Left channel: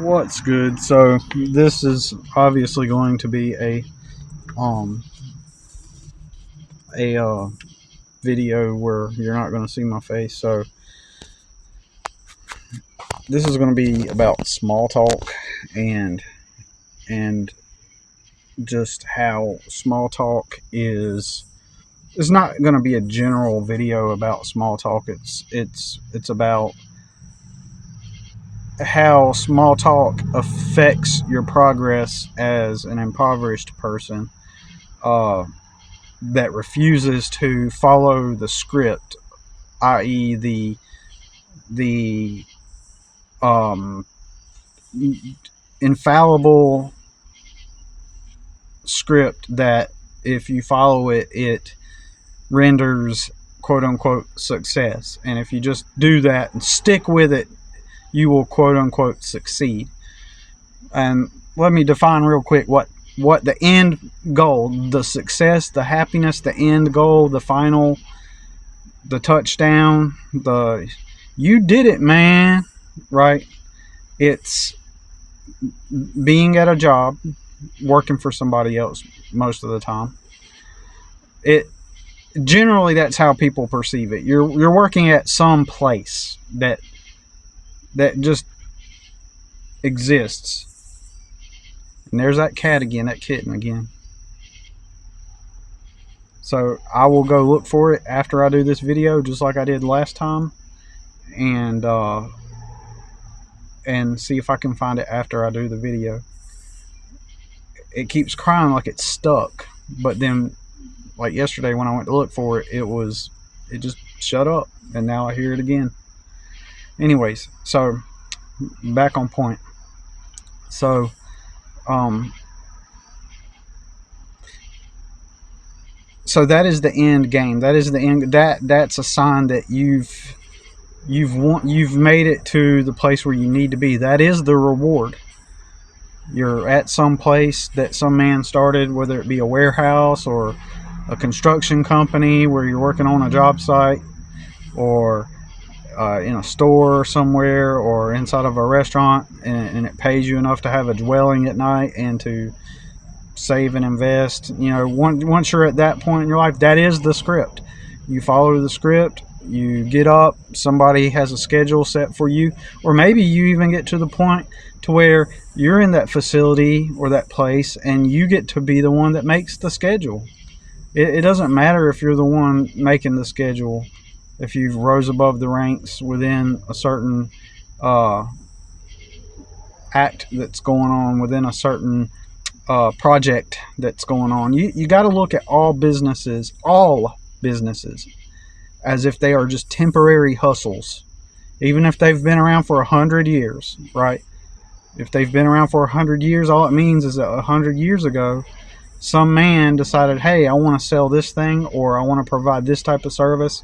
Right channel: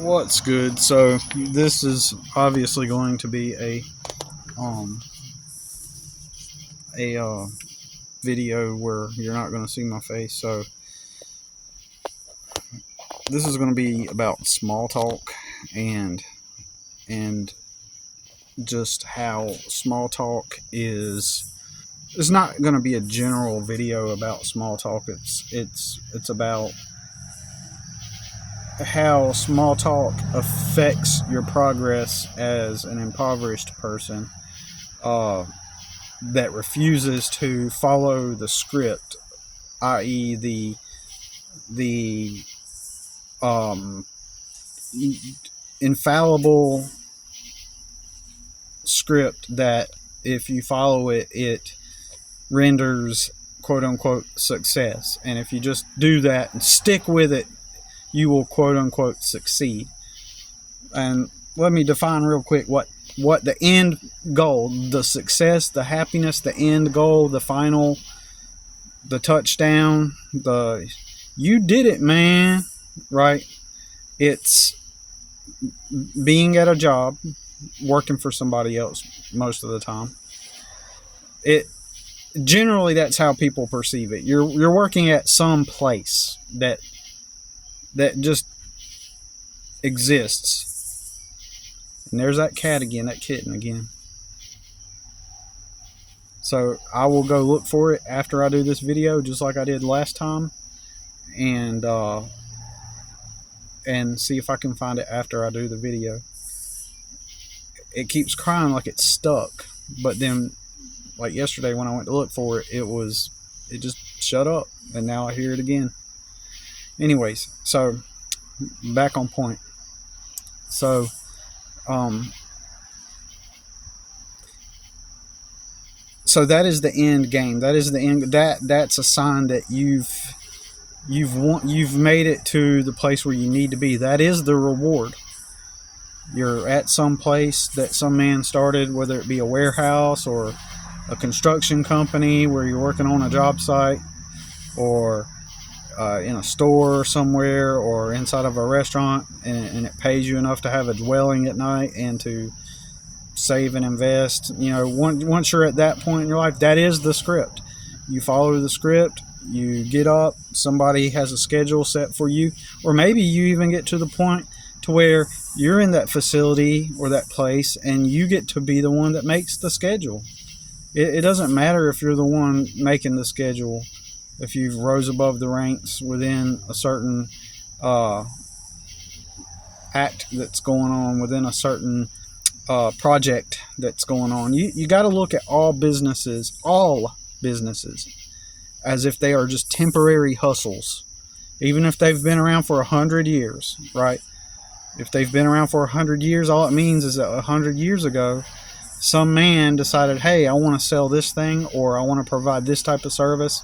What's good? So this is obviously going to be um a video where you're not going to see my face. So this is going to be about small talk and and just how small talk is. It's not going to be a general video about small talk. It's about how small talk affects your progress as an impoverished person. That refuses to follow the script, i.e., the um, infallible script that if you follow it, it renders quote unquote success. And if you just do that and stick with it, you will quote unquote succeed. And let me define real quick what the end goal, the success, the happiness, the end goal, the final, the touchdown, the you did it, man, right? It's being at a job, working for somebody else most of the time. It generally, that's how people perceive it. You're working at some place that just exists. And there's that cat again, that kitten again. So I will go look for it after I do this video, just like I did last time, and see if I can find it after I do the video. It keeps crying like it's stuck, but then, like yesterday when I went to look for it, it just shut up, and now I hear it again. Anyways, so back on point. So so that is the end game. That is the end. That's a sign that you've made it to the place where you need to be. That is the reward. You're at some place that some man started, whether it be a warehouse or a construction company where you're working on a job site, or in a store somewhere, or inside of a restaurant, and it pays you enough to have a dwelling at night and to save and invest. Once you're at that point in your life, that is the script. You follow the script. You get up, somebody has a schedule set for you, or maybe you even get to the point to where you're in that facility or that place and you get to be the one that makes the schedule. It doesn't matter if you're the one making the schedule, if you've rose above the ranks within a certain act that's going on, within a certain project that's going on. You got to look at all businesses, as if they are just temporary hustles, even if they've been around for 100 years, right? If they've been around for 100 years, all it means is that 100 years ago, some man decided, hey, I want to sell this thing, or I want to provide this type of service.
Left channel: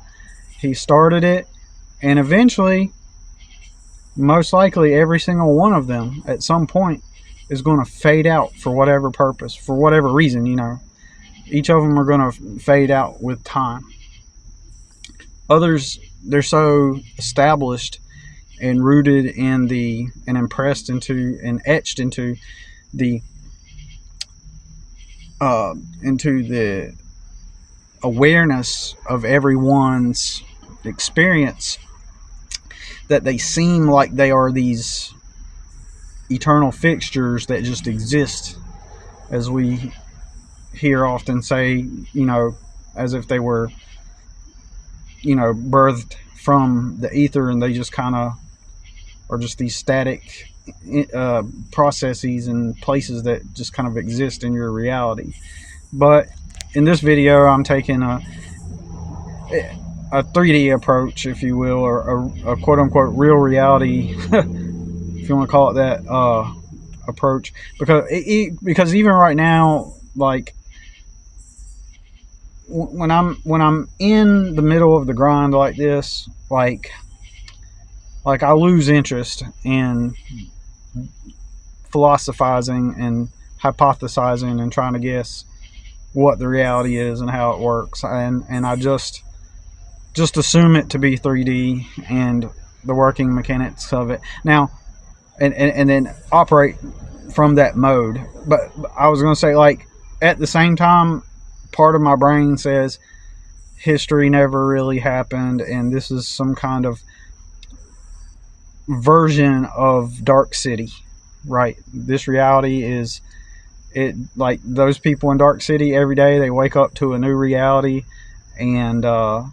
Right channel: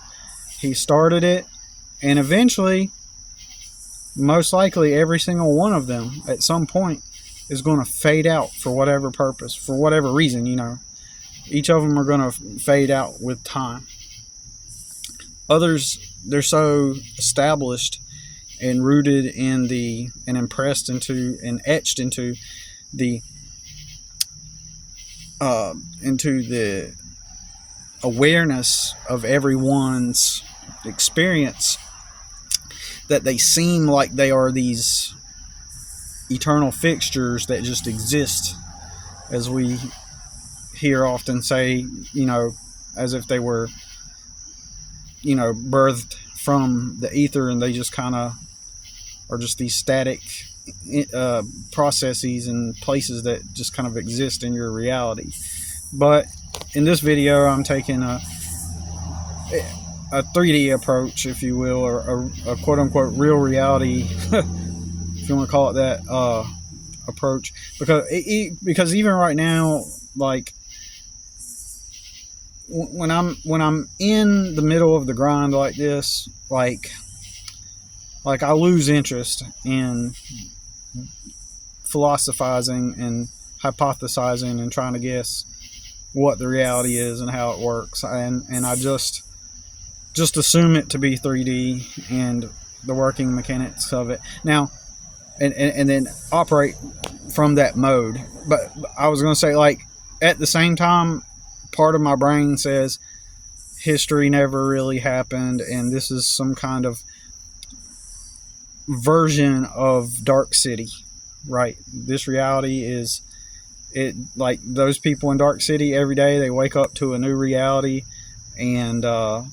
He started it, and eventually, most likely, every single one of them at some point is going to fade out for whatever purpose, for whatever reason. Each of them are going to fade out with time. Others, they're so established and rooted in and impressed into and etched into the awareness of everyone's experience, that they seem like they are these eternal fixtures that just exist, as we hear often say, as if they were birthed from the ether, and they just kind of are just these static processes and places that just kind of exist in your reality. But in this video, I'm taking a 3D approach, if you will, or a quote unquote real reality if you want to call it that, approach, because even right now, like when I'm in the middle of the grind like this, like I lose interest in philosophizing and hypothesizing and trying to guess what the reality is and how it works, and I just assume it to be 3D and the working mechanics of it. Now, and then operate from that mode. But I was going to say, like, at the same time, part of my brain says history never really happened, and this is some kind of version of Dark City, right? This reality is it, like those people in Dark City every day they wake up to a new reality, and I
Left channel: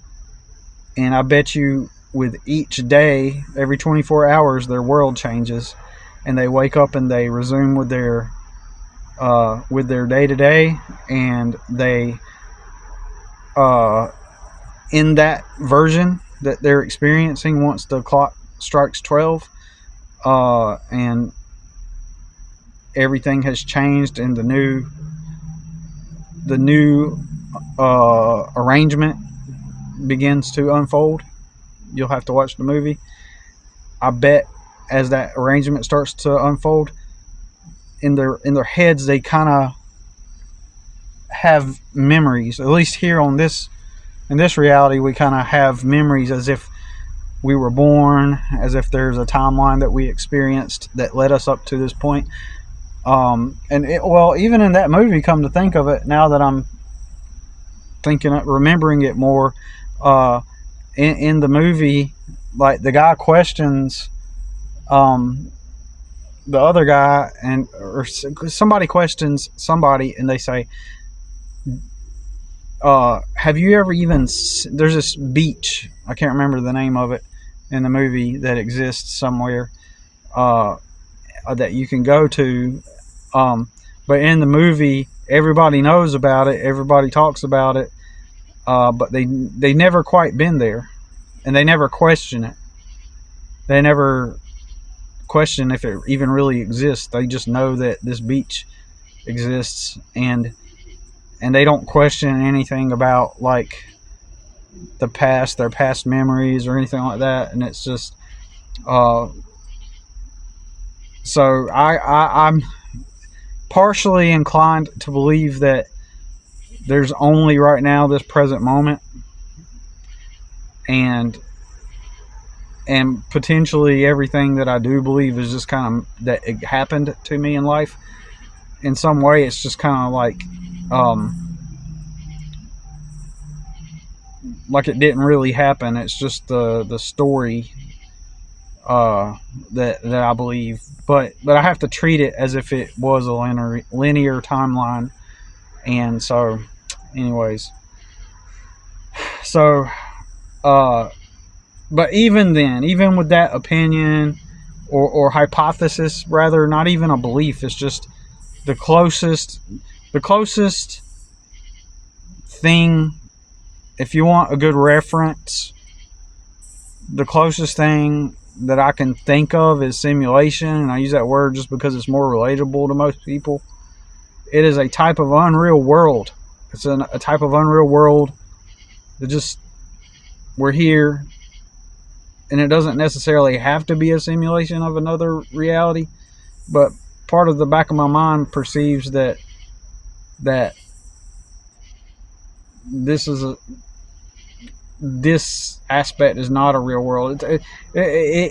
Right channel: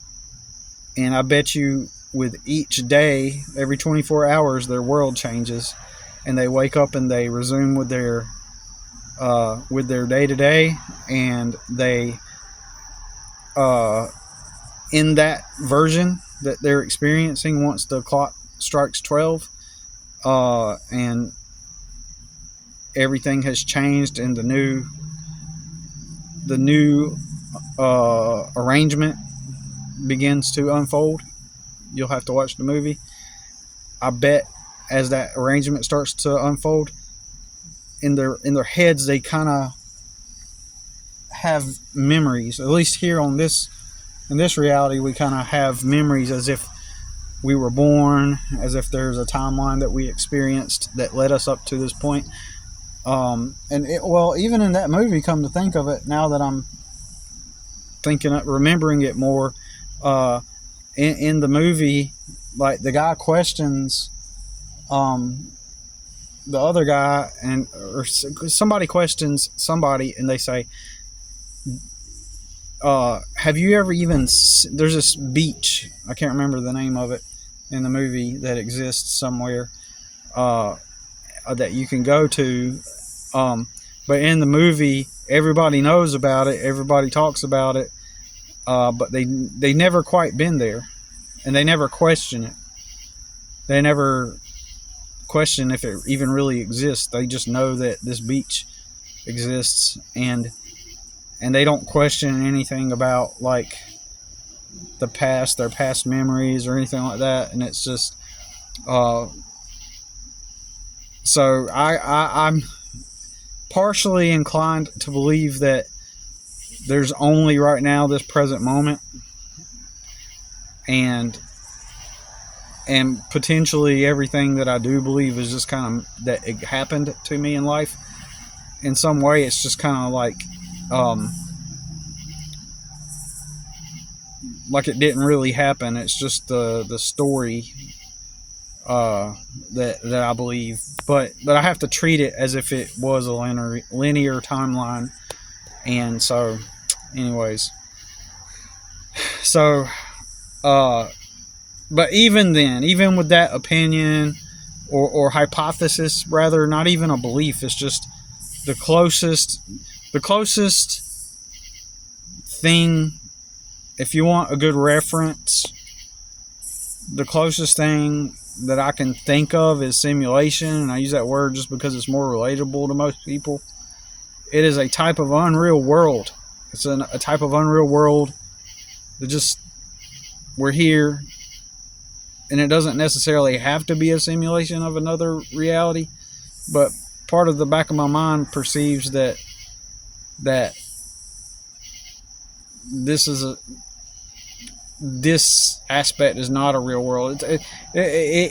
bet you with each day, every 24 hours, their world changes, and they wake up and they resume with their day to day, and they in that version that they're experiencing once the clock strikes 12, and everything has changed, and the new arrangement begins to unfold. You'll have to watch the movie. I bet as that arrangement starts to unfold, in their heads, they kind of have memories. At least here in this reality, we kind of have memories as if we were born, as if there's a timeline that we experienced that led us up to this point. Well, even in that movie, come to think of it, now that I'm remembering it more, in the movie, like the guy questions the other guy, or somebody questions somebody, and they say, have you ever even there's this beach, I can't remember the name of it in the movie, that exists somewhere that you can go to, but in the movie everybody knows about it, everybody talks about it, but they never quite been there, and they never question it. They never question if it even really exists. They just know that this beach exists, and they don't question anything about, like, the past, their past memories or anything like that. And it's just so I'm partially inclined to believe that there's only right now this present moment, and potentially everything that I do believe is just kind of that it happened to me in life in some way. It's just kind of like it didn't really happen. It's just the story that I believe, but I have to treat it as if it was a linear timeline. And so, anyways, so but even then, even with that opinion or hypothesis, rather, not even a belief, it's just the closest thing. If you want a good reference, the closest thing that I can think of is simulation, and I use that word just because it's more relatable to most people. It is a type of unreal world. It's a type of unreal world that just, we're here, and it doesn't necessarily have to be a simulation of another reality, but part of the back of my mind perceives that this aspect is not a real world. It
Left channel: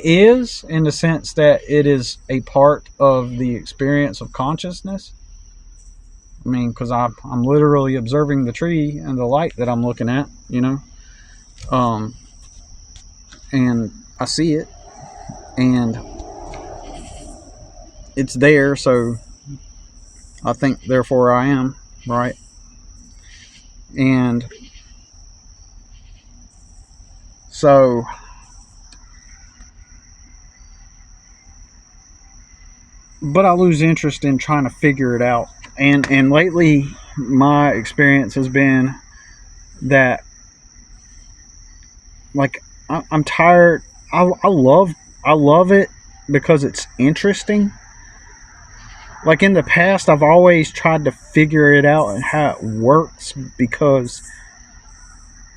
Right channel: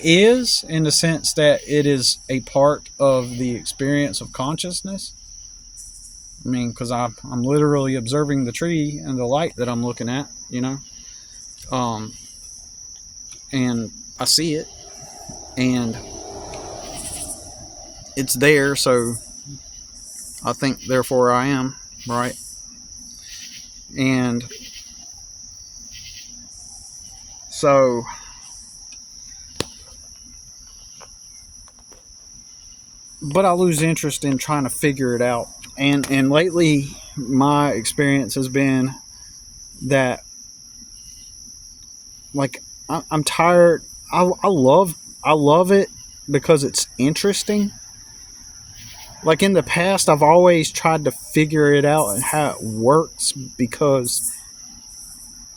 is, in the sense that it is a part of the experience of consciousness. I mean, because I'm literally observing the tree and the light that I'm looking at, and I see it, and it's there, so I think therefore I am, right? And so but I lose interest in trying to figure it out, and lately my experience has been that, like, I'm tired. I love it because it's interesting. Like, in the past, I've always tried to figure it out and how it works, because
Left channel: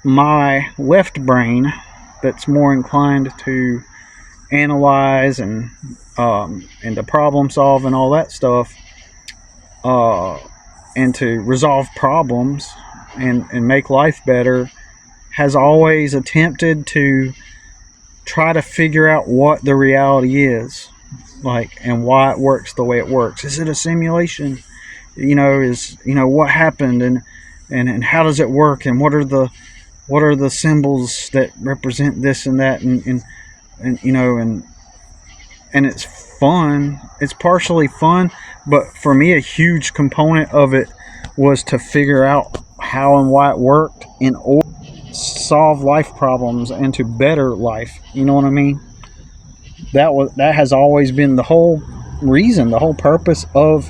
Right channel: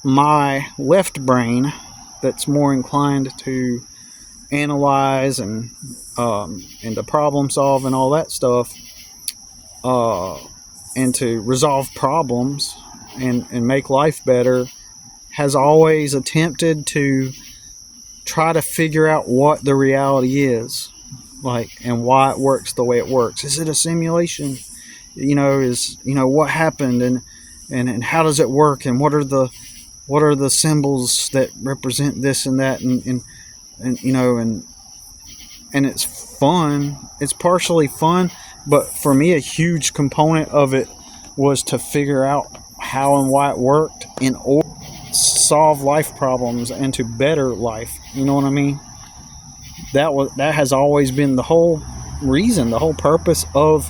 my left brain, that's more inclined to analyze and to problem solve and all that stuff, and to resolve problems and make life better, has always attempted to try to figure out what the reality is. like, and why it works the way it works. Is it a simulation? What happened, and how does it work, and what are the symbols that represent this and that, and it's fun. It's partially fun, but for me, a huge component of it was to figure out how and why it worked in order to solve life problems and to better life. You know what I mean? That has always been the whole reason, the whole purpose of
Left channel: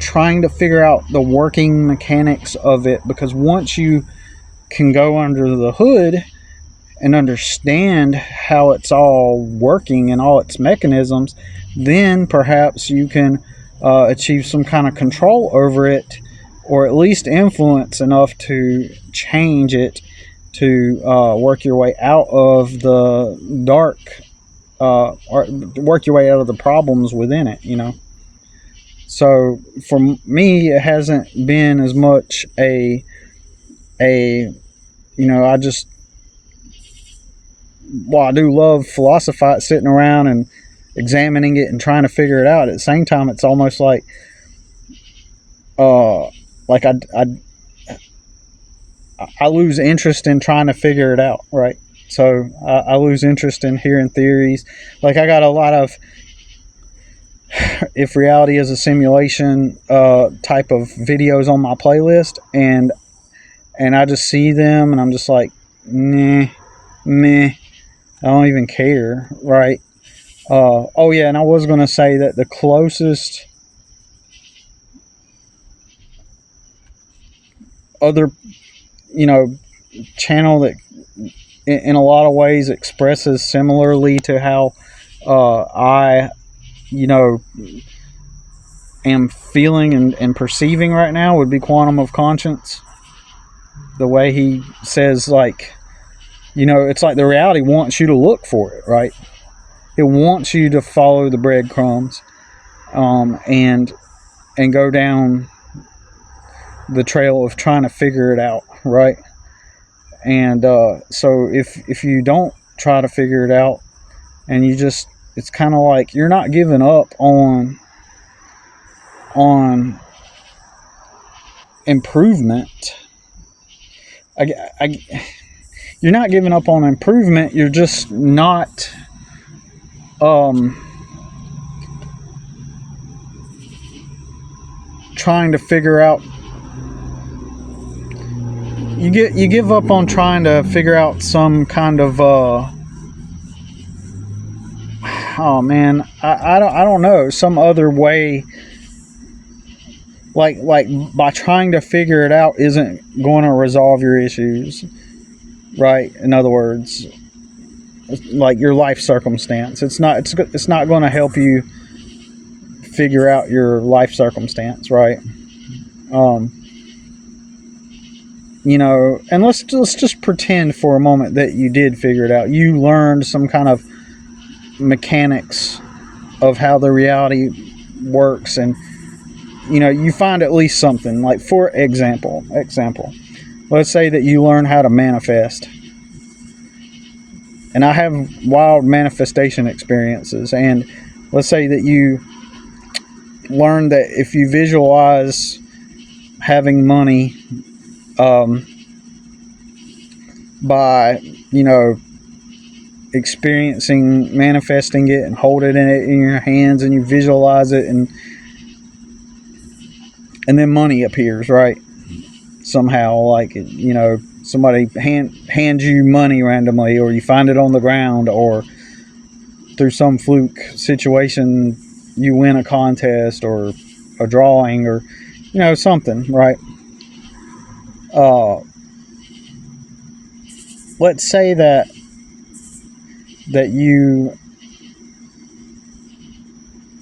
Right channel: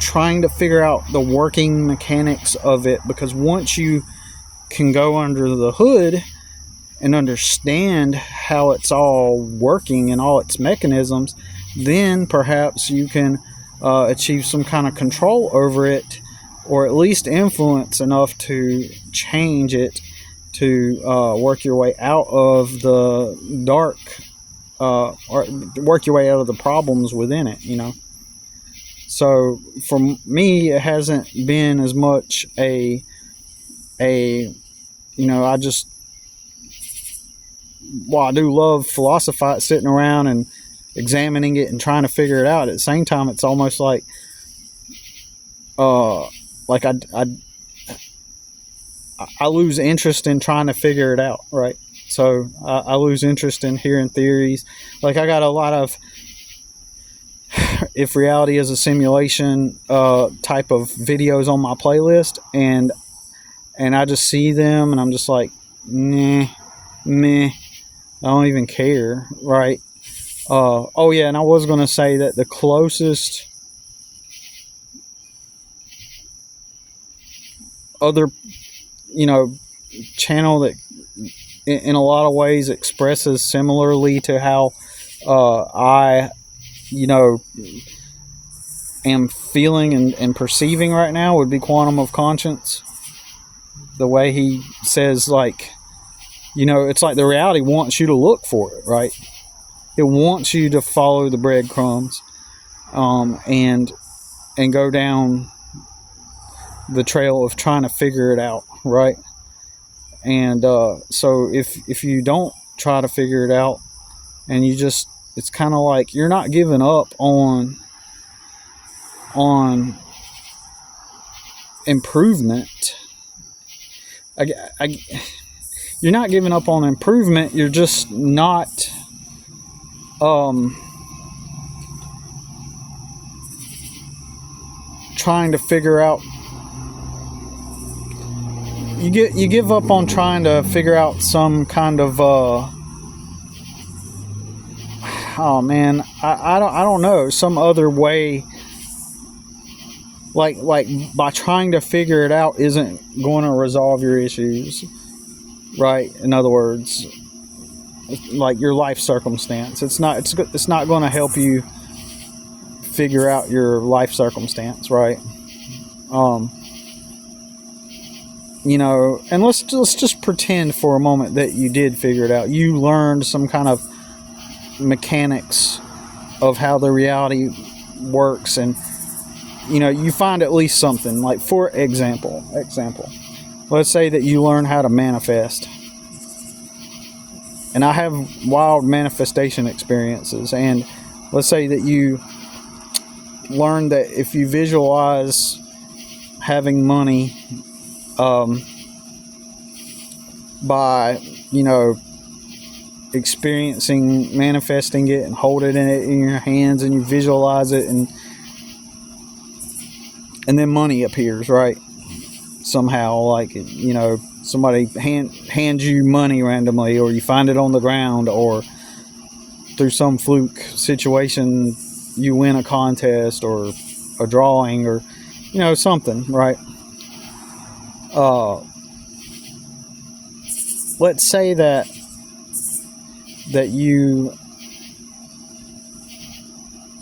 trying to figure out the working mechanics of it, because once you can go under the hood and understand how it's all working and all its mechanisms, then perhaps you can achieve some kind of control over it, or at least influence enough to change it, to work your way out of the dark, or work your way out of the problems within it, So for me, it hasn't been as much I just, while I do love sitting around and examining it and trying to figure it out, at the same time, it's almost like I lose interest in trying to figure it out, right? So I lose interest in hearing theories. Like, I got a lot of if reality is a simulation type of videos on my playlist, and I just see them and I'm just like, meh, I don't even care, right? Oh yeah, and I was gonna say that the closest other, channel that in a lot of ways expresses similarly to how I am feeling and perceiving right now would be Quantum of Conscience. The way he says, like, it's like the reality wants you to look for it, right? It wants you to follow the breadcrumbs, and go down the trail of trying to figure it out, right? And so if you don't try to figure it out, and it's kind of like you're not giving up on improvement. You're not giving up on improvement. You're just not trying to figure out. You give up on trying to figure out some kind of I don't know, some other way. Like by trying to figure it out isn't going to resolve your issues, right? In other words, like your life circumstance, it's not going to help you figure out your life circumstance, right? And let's just pretend for a moment that you did figure it out. You learned some kind of mechanics of how the reality works, and you find at least something. Like, for example, let's say that you learn how to manifest. And I have wild manifestation experiences, and let's say that you learn that if you visualize having money by manifesting it and holding it in your hands, and you visualize it, and then money appears, right? Somehow, like, somebody hands you money randomly, or you find it on the ground, or through some fluke situation you win a contest or a drawing, or something, right? Let's say that you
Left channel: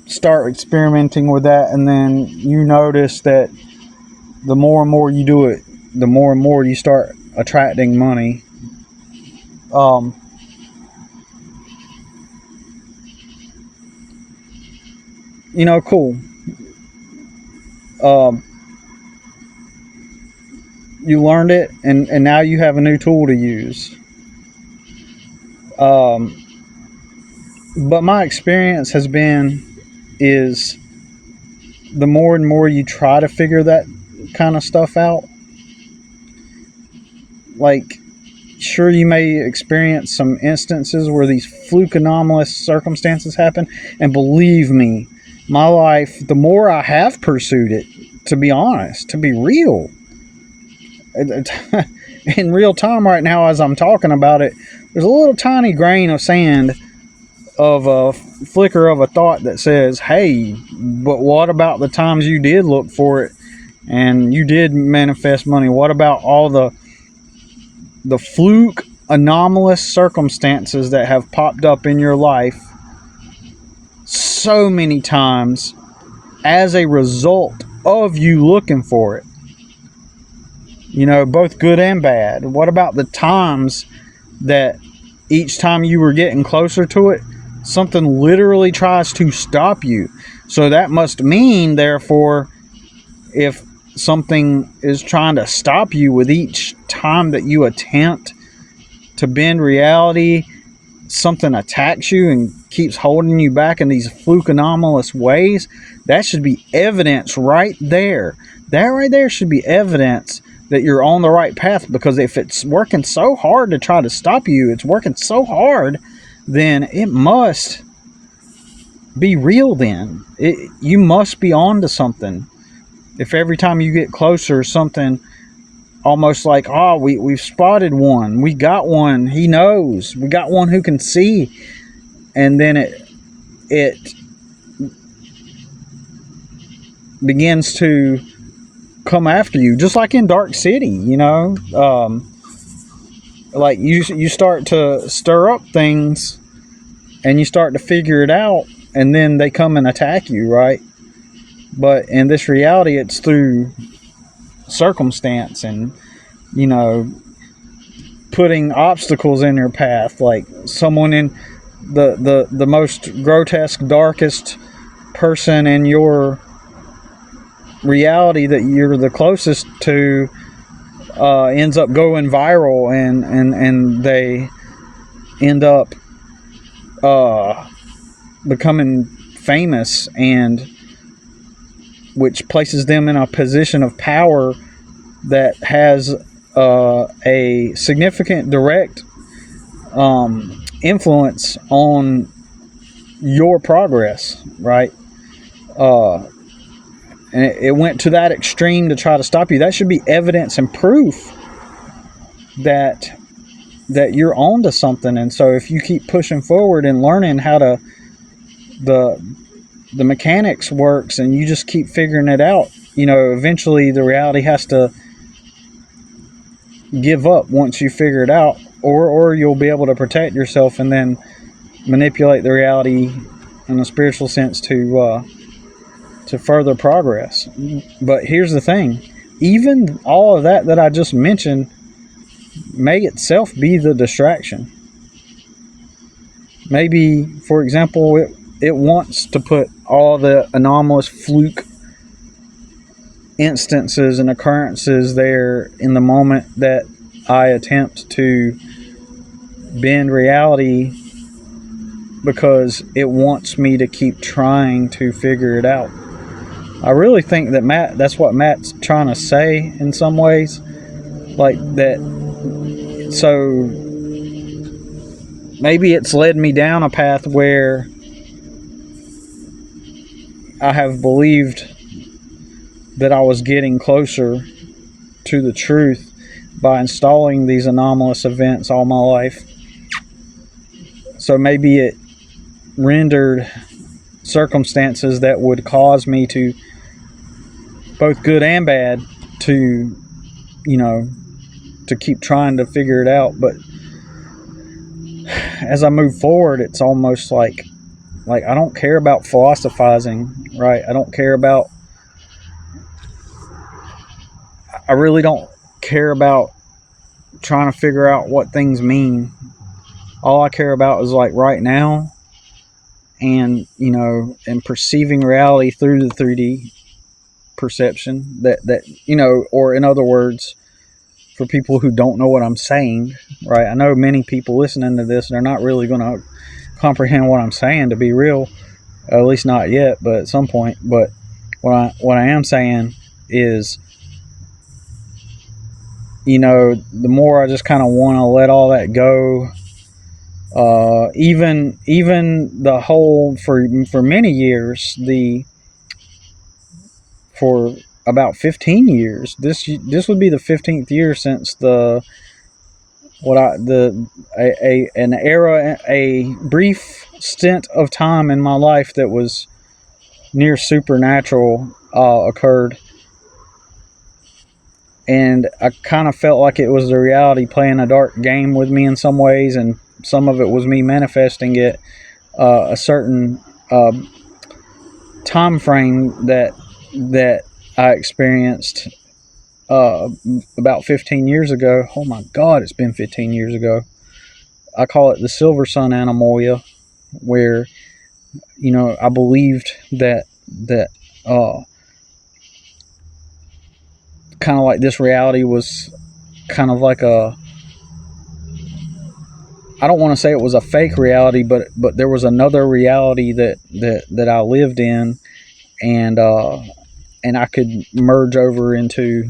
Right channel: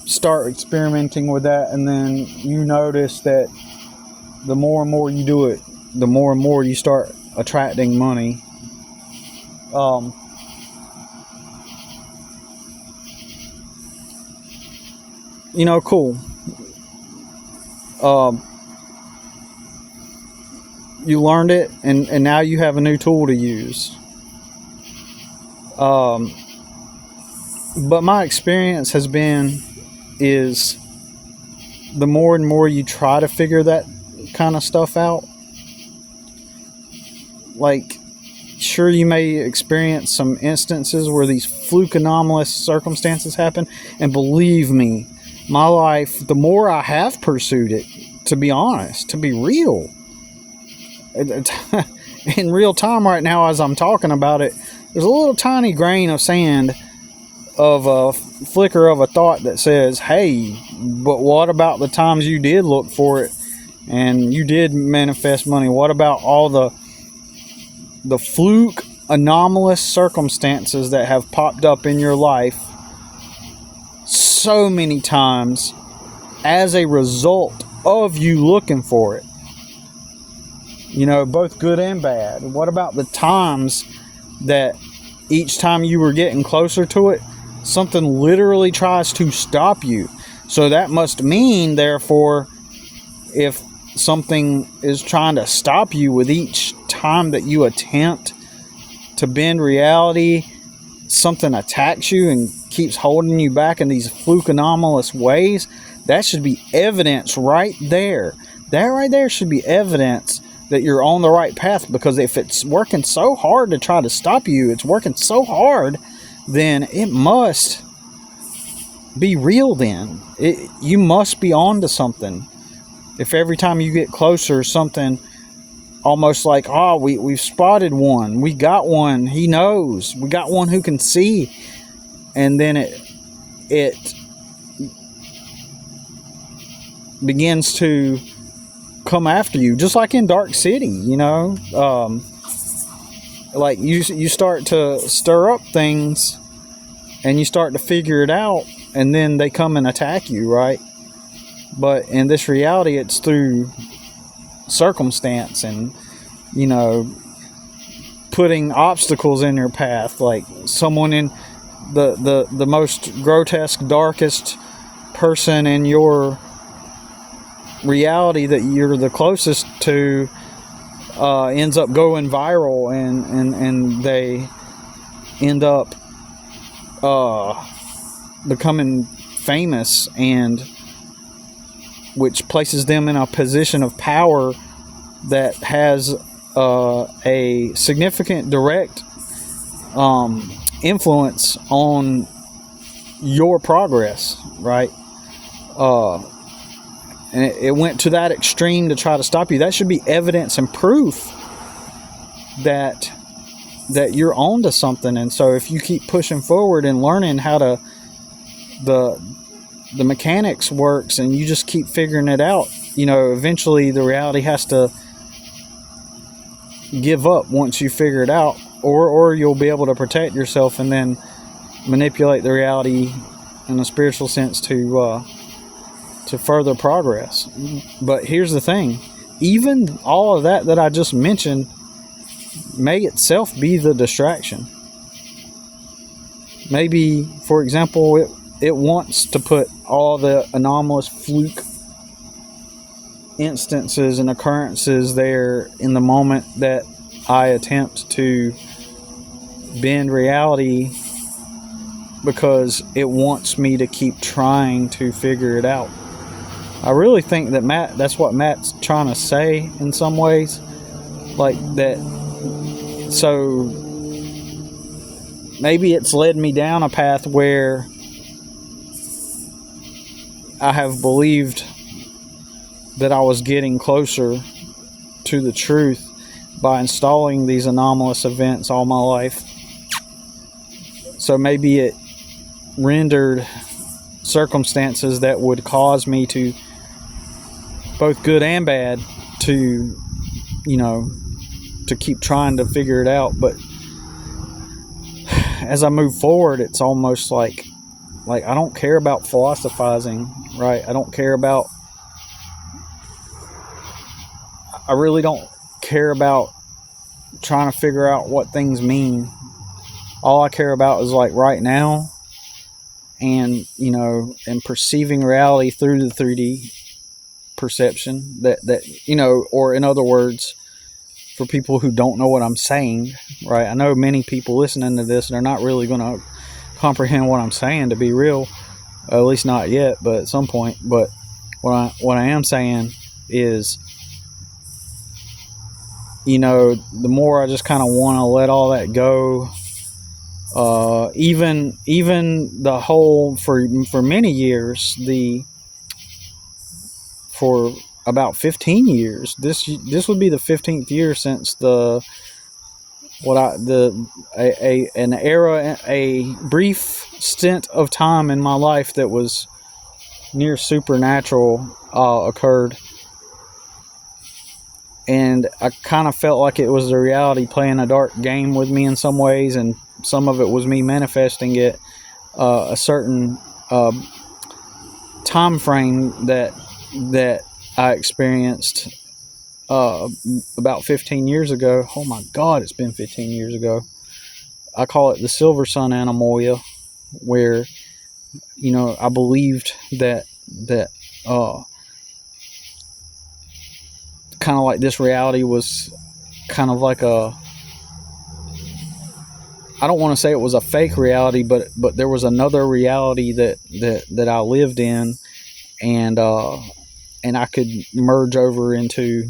start experimenting with that, and then you notice that the more and more you do it, the more and more you start attracting money. Cool. You learned it, and now you have a new tool to use. But my experience has been is the more and more you try to figure that kind of stuff out, like, sure, you may experience some instances where these fluke anomalous circumstances happen, and believe me, my life, the more I have pursued it, to be honest, to be real, in real time right now as I'm talking about it, there's a little tiny grain of sand of a flicker of a thought that says, hey, but what about the times you did look for it and you did manifest money? What about all the fluke anomalous circumstances that have popped up in your life so many times as a result of you looking for it? You know, both good and bad. What about the times that each time you were getting closer to it, something literally tries to stop you? So that must mean, therefore, if something is trying to stop you with each time that you attempt to bend reality, something attacks you and keeps holding you back in these fluke anomalous ways, that should be evidence right there. That right there should be evidence that you're on the right path, because if it's working so hard to try to stop you, it's working so hard, then it must be real then. You must be on to something. If every time you get closer, something almost like, oh, we've spotted one, we got one, he knows, we got one who can see, and then it begins to come after you, just like in Dark City, you know. Like you start to stir up things and you start to figure it out, and then they come and attack you, right? But in this reality, it's through circumstance and, you know, putting obstacles in your path, like someone in the most grotesque, darkest person in your reality that you're the closest to ends up going viral, and they end up becoming famous, and which places them in a position of power that has a significant direct influence on your progress, right? And it went to that extreme to try to stop you. That should be evidence and proof that you're on to something. And so if you keep pushing forward and learning how to the mechanics works, and you just keep figuring it out, you know, eventually the reality has to give up once you figure it out, or you'll be able to protect yourself and then manipulate the reality in a spiritual sense to further progress. But here's the thing, even all of that I just mentioned may itself be the distraction. Maybe, for example, it wants to put all the anomalous fluke instances and occurrences there in the moment that I attempt to bend reality, because it wants me to keep trying to figure it out. I really think that that's what Matt's trying to say in some ways, like that. So maybe it's led me down a path where I have believed that I was getting closer to the truth by installing these anomalous events all my life. So maybe it rendered circumstances that would cause me to, both good and bad, to, you know, to keep trying to figure it out. But as I move forward, it's almost like I don't care about philosophizing, right? I really don't care about trying to figure out what things mean. All I care about is like right now, and, you know, and perceiving reality through the 3D perception that you know, or in other words, for people who don't know what I'm saying, right? I know many people listening to this, they're not really going to comprehend what I'm saying, to be real. At least not yet, but at some point. But what I am saying is, you know, the more I just kind of want to let all that go. Even the whole, for many years, for about 15 years, this would be the 15th year since an era, a brief stint of time in my life that was near supernatural occurred. And I kind of felt like it was the reality playing a dark game with me in some ways, and some of it was me manifesting it, a certain time frame that I experienced about 15 years ago. Oh my God, it's been 15 years ago. I call it the Silver Sun Animalia, where, you know, I believed that kind of like this reality was kind of like I don't want to say it was a fake reality, but there was another reality that I lived in, and I could merge over into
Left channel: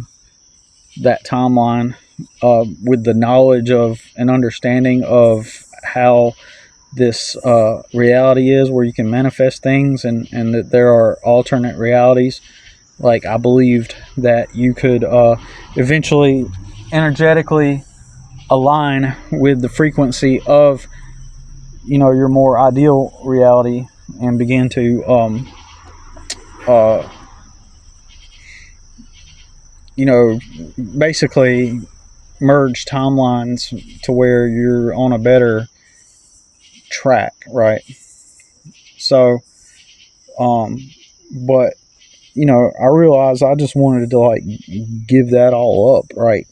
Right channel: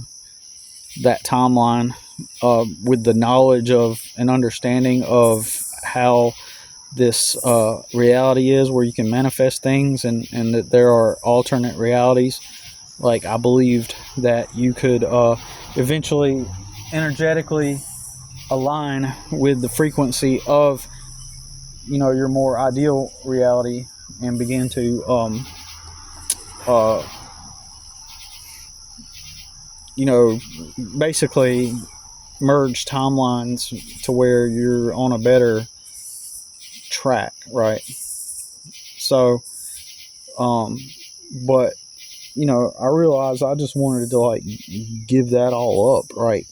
that timeline with the knowledge of and understanding of how this reality is, where you can manifest things, and that there are alternate realities. Like, I believed that you could eventually energetically align with the frequency of, you know, your more ideal reality, and begin to you know, basically merge timelines to where you're on a better track, right? So but, you know, I realized I just wanted to, like, give that all up, right?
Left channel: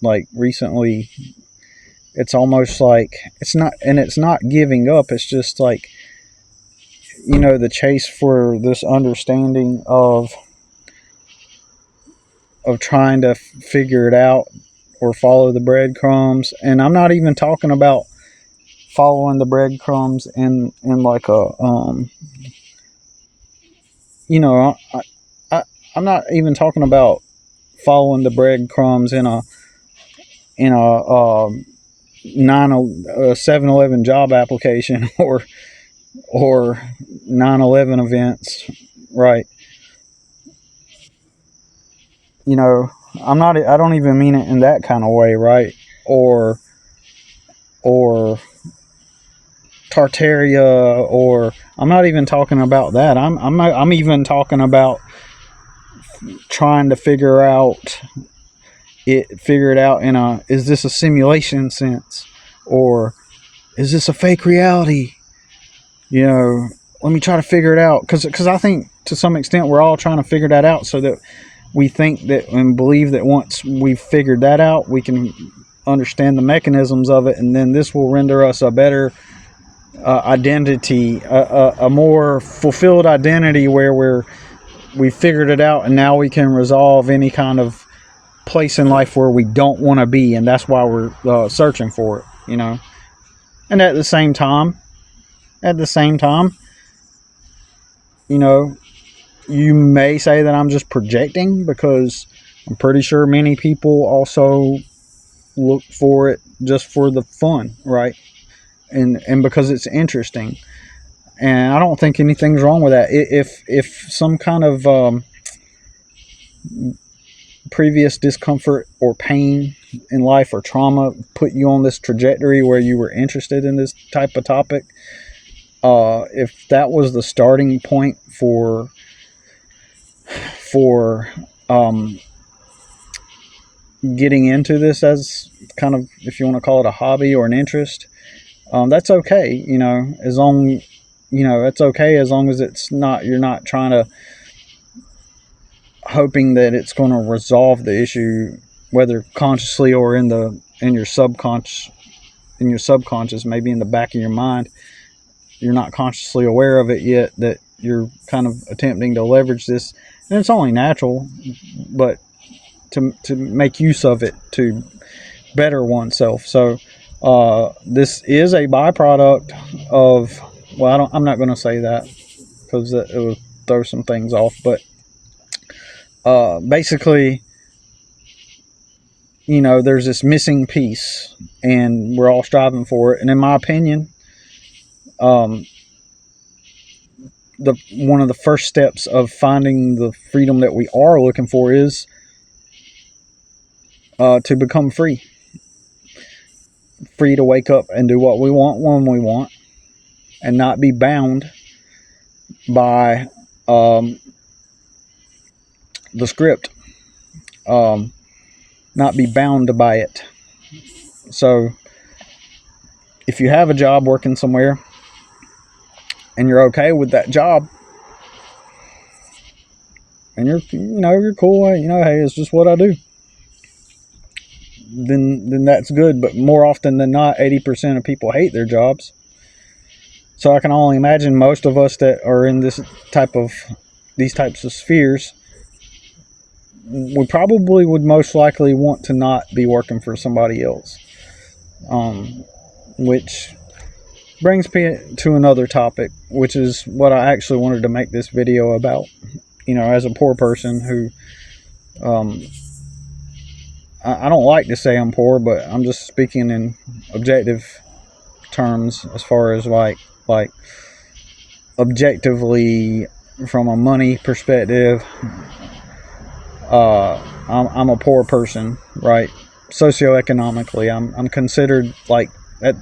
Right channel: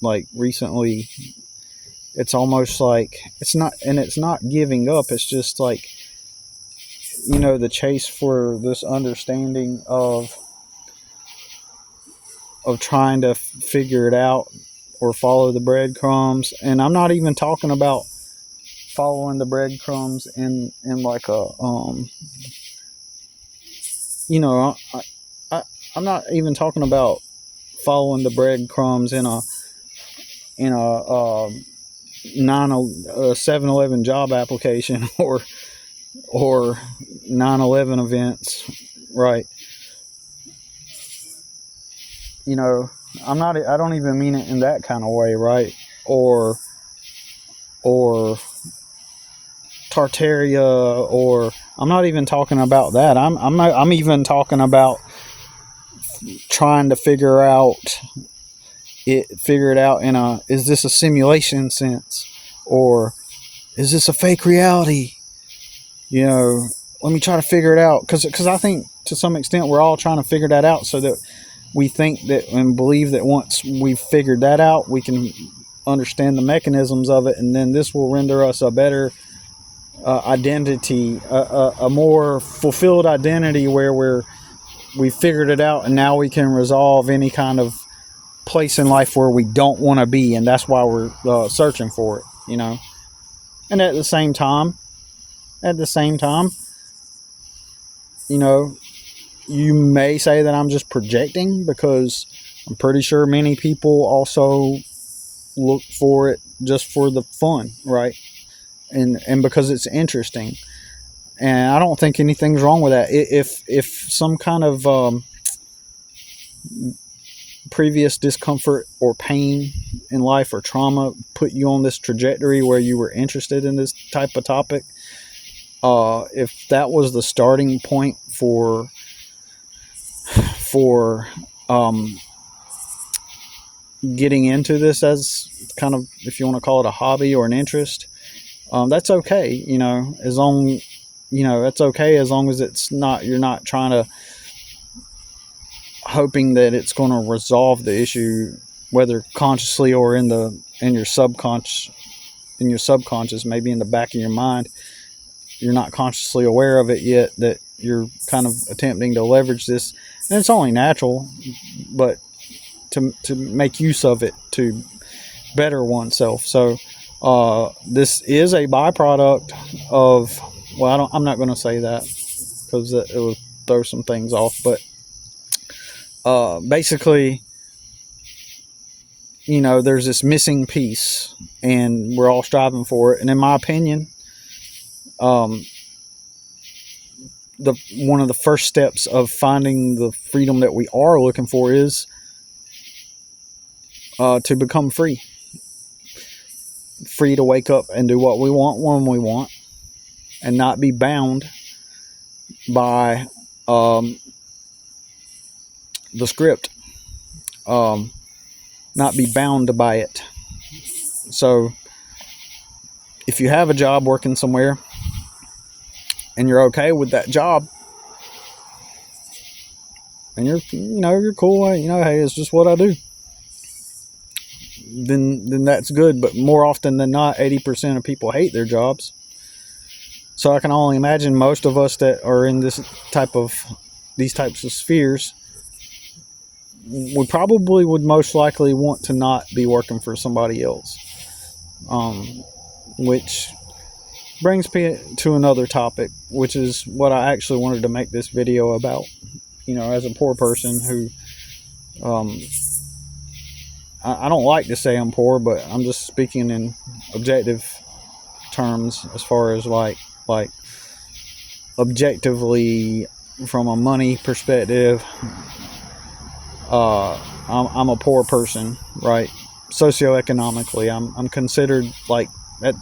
Like, recently, it's almost like it's not giving up. It's just like, you know, the chase for this understanding of trying to figure it out or follow the breadcrumbs. And I'm not even talking about following the breadcrumbs in like a you know, I'm not even talking about following the breadcrumbs in a 7-Eleven job application or 9/11 events, right? You know, I don't even mean it in that kind of way, right? Or Tartaria, or I'm not even talking about that. I'm even talking about trying to figure it out in is this a simulation sense, or is this a fake reality? You know, let me try to figure it out, because I think to some extent we're all trying to figure that out, so that we think that and believe that once we've figured that out, we can understand the mechanisms of it, and then this will render us a better identity, a more fulfilled identity, where we figured it out, and now we can resolve any kind of place in life where we don't want to be, and that's why we're searching for it, you know. And at the same time, you know, you may say that I'm just projecting, because I'm pretty sure many people also look for it just for the fun, right? And because it's interesting. And I don't think anything's wrong with that. If some kind of previous discomfort or pain in life or trauma put you on this trajectory where you were interested in this type of topic, if that was the starting point for getting into this as kind of, if you want to call it a hobby or an interest, that's okay, you know, as long, you know, it's okay as long as you're not trying to hoping that it's going to resolve the issue, whether consciously or in your subconscious, maybe in the back of your mind. You're not consciously aware of it yet, that you're kind of attempting to leverage this, and it's only natural, but to make use of it to better oneself. So This is a byproduct of, well, I'm not going to say that because it will throw some things off, but basically, there's this missing piece, and we're all striving for it. And in my opinion, one of the first steps of finding the freedom that we are looking for is to become free to wake up and do what we want when we want, and not be bound by the script, not be bound by it. So if you have a job working somewhere and you're okay with that job, and you're cool, hey, it's just what I do, then that's good. But more often than not, 80% of people hate their jobs. So I can only imagine most of us that are in these types of spheres, we probably would most likely want to not be working for somebody else. Which brings me to another topic, which is what I actually wanted to make this video about. As a poor person who, I don't like to say I'm poor, but I'm just speaking in objective terms as far as like objectively from a money perspective. I'm a poor person, right? Socioeconomically, I'm considered like at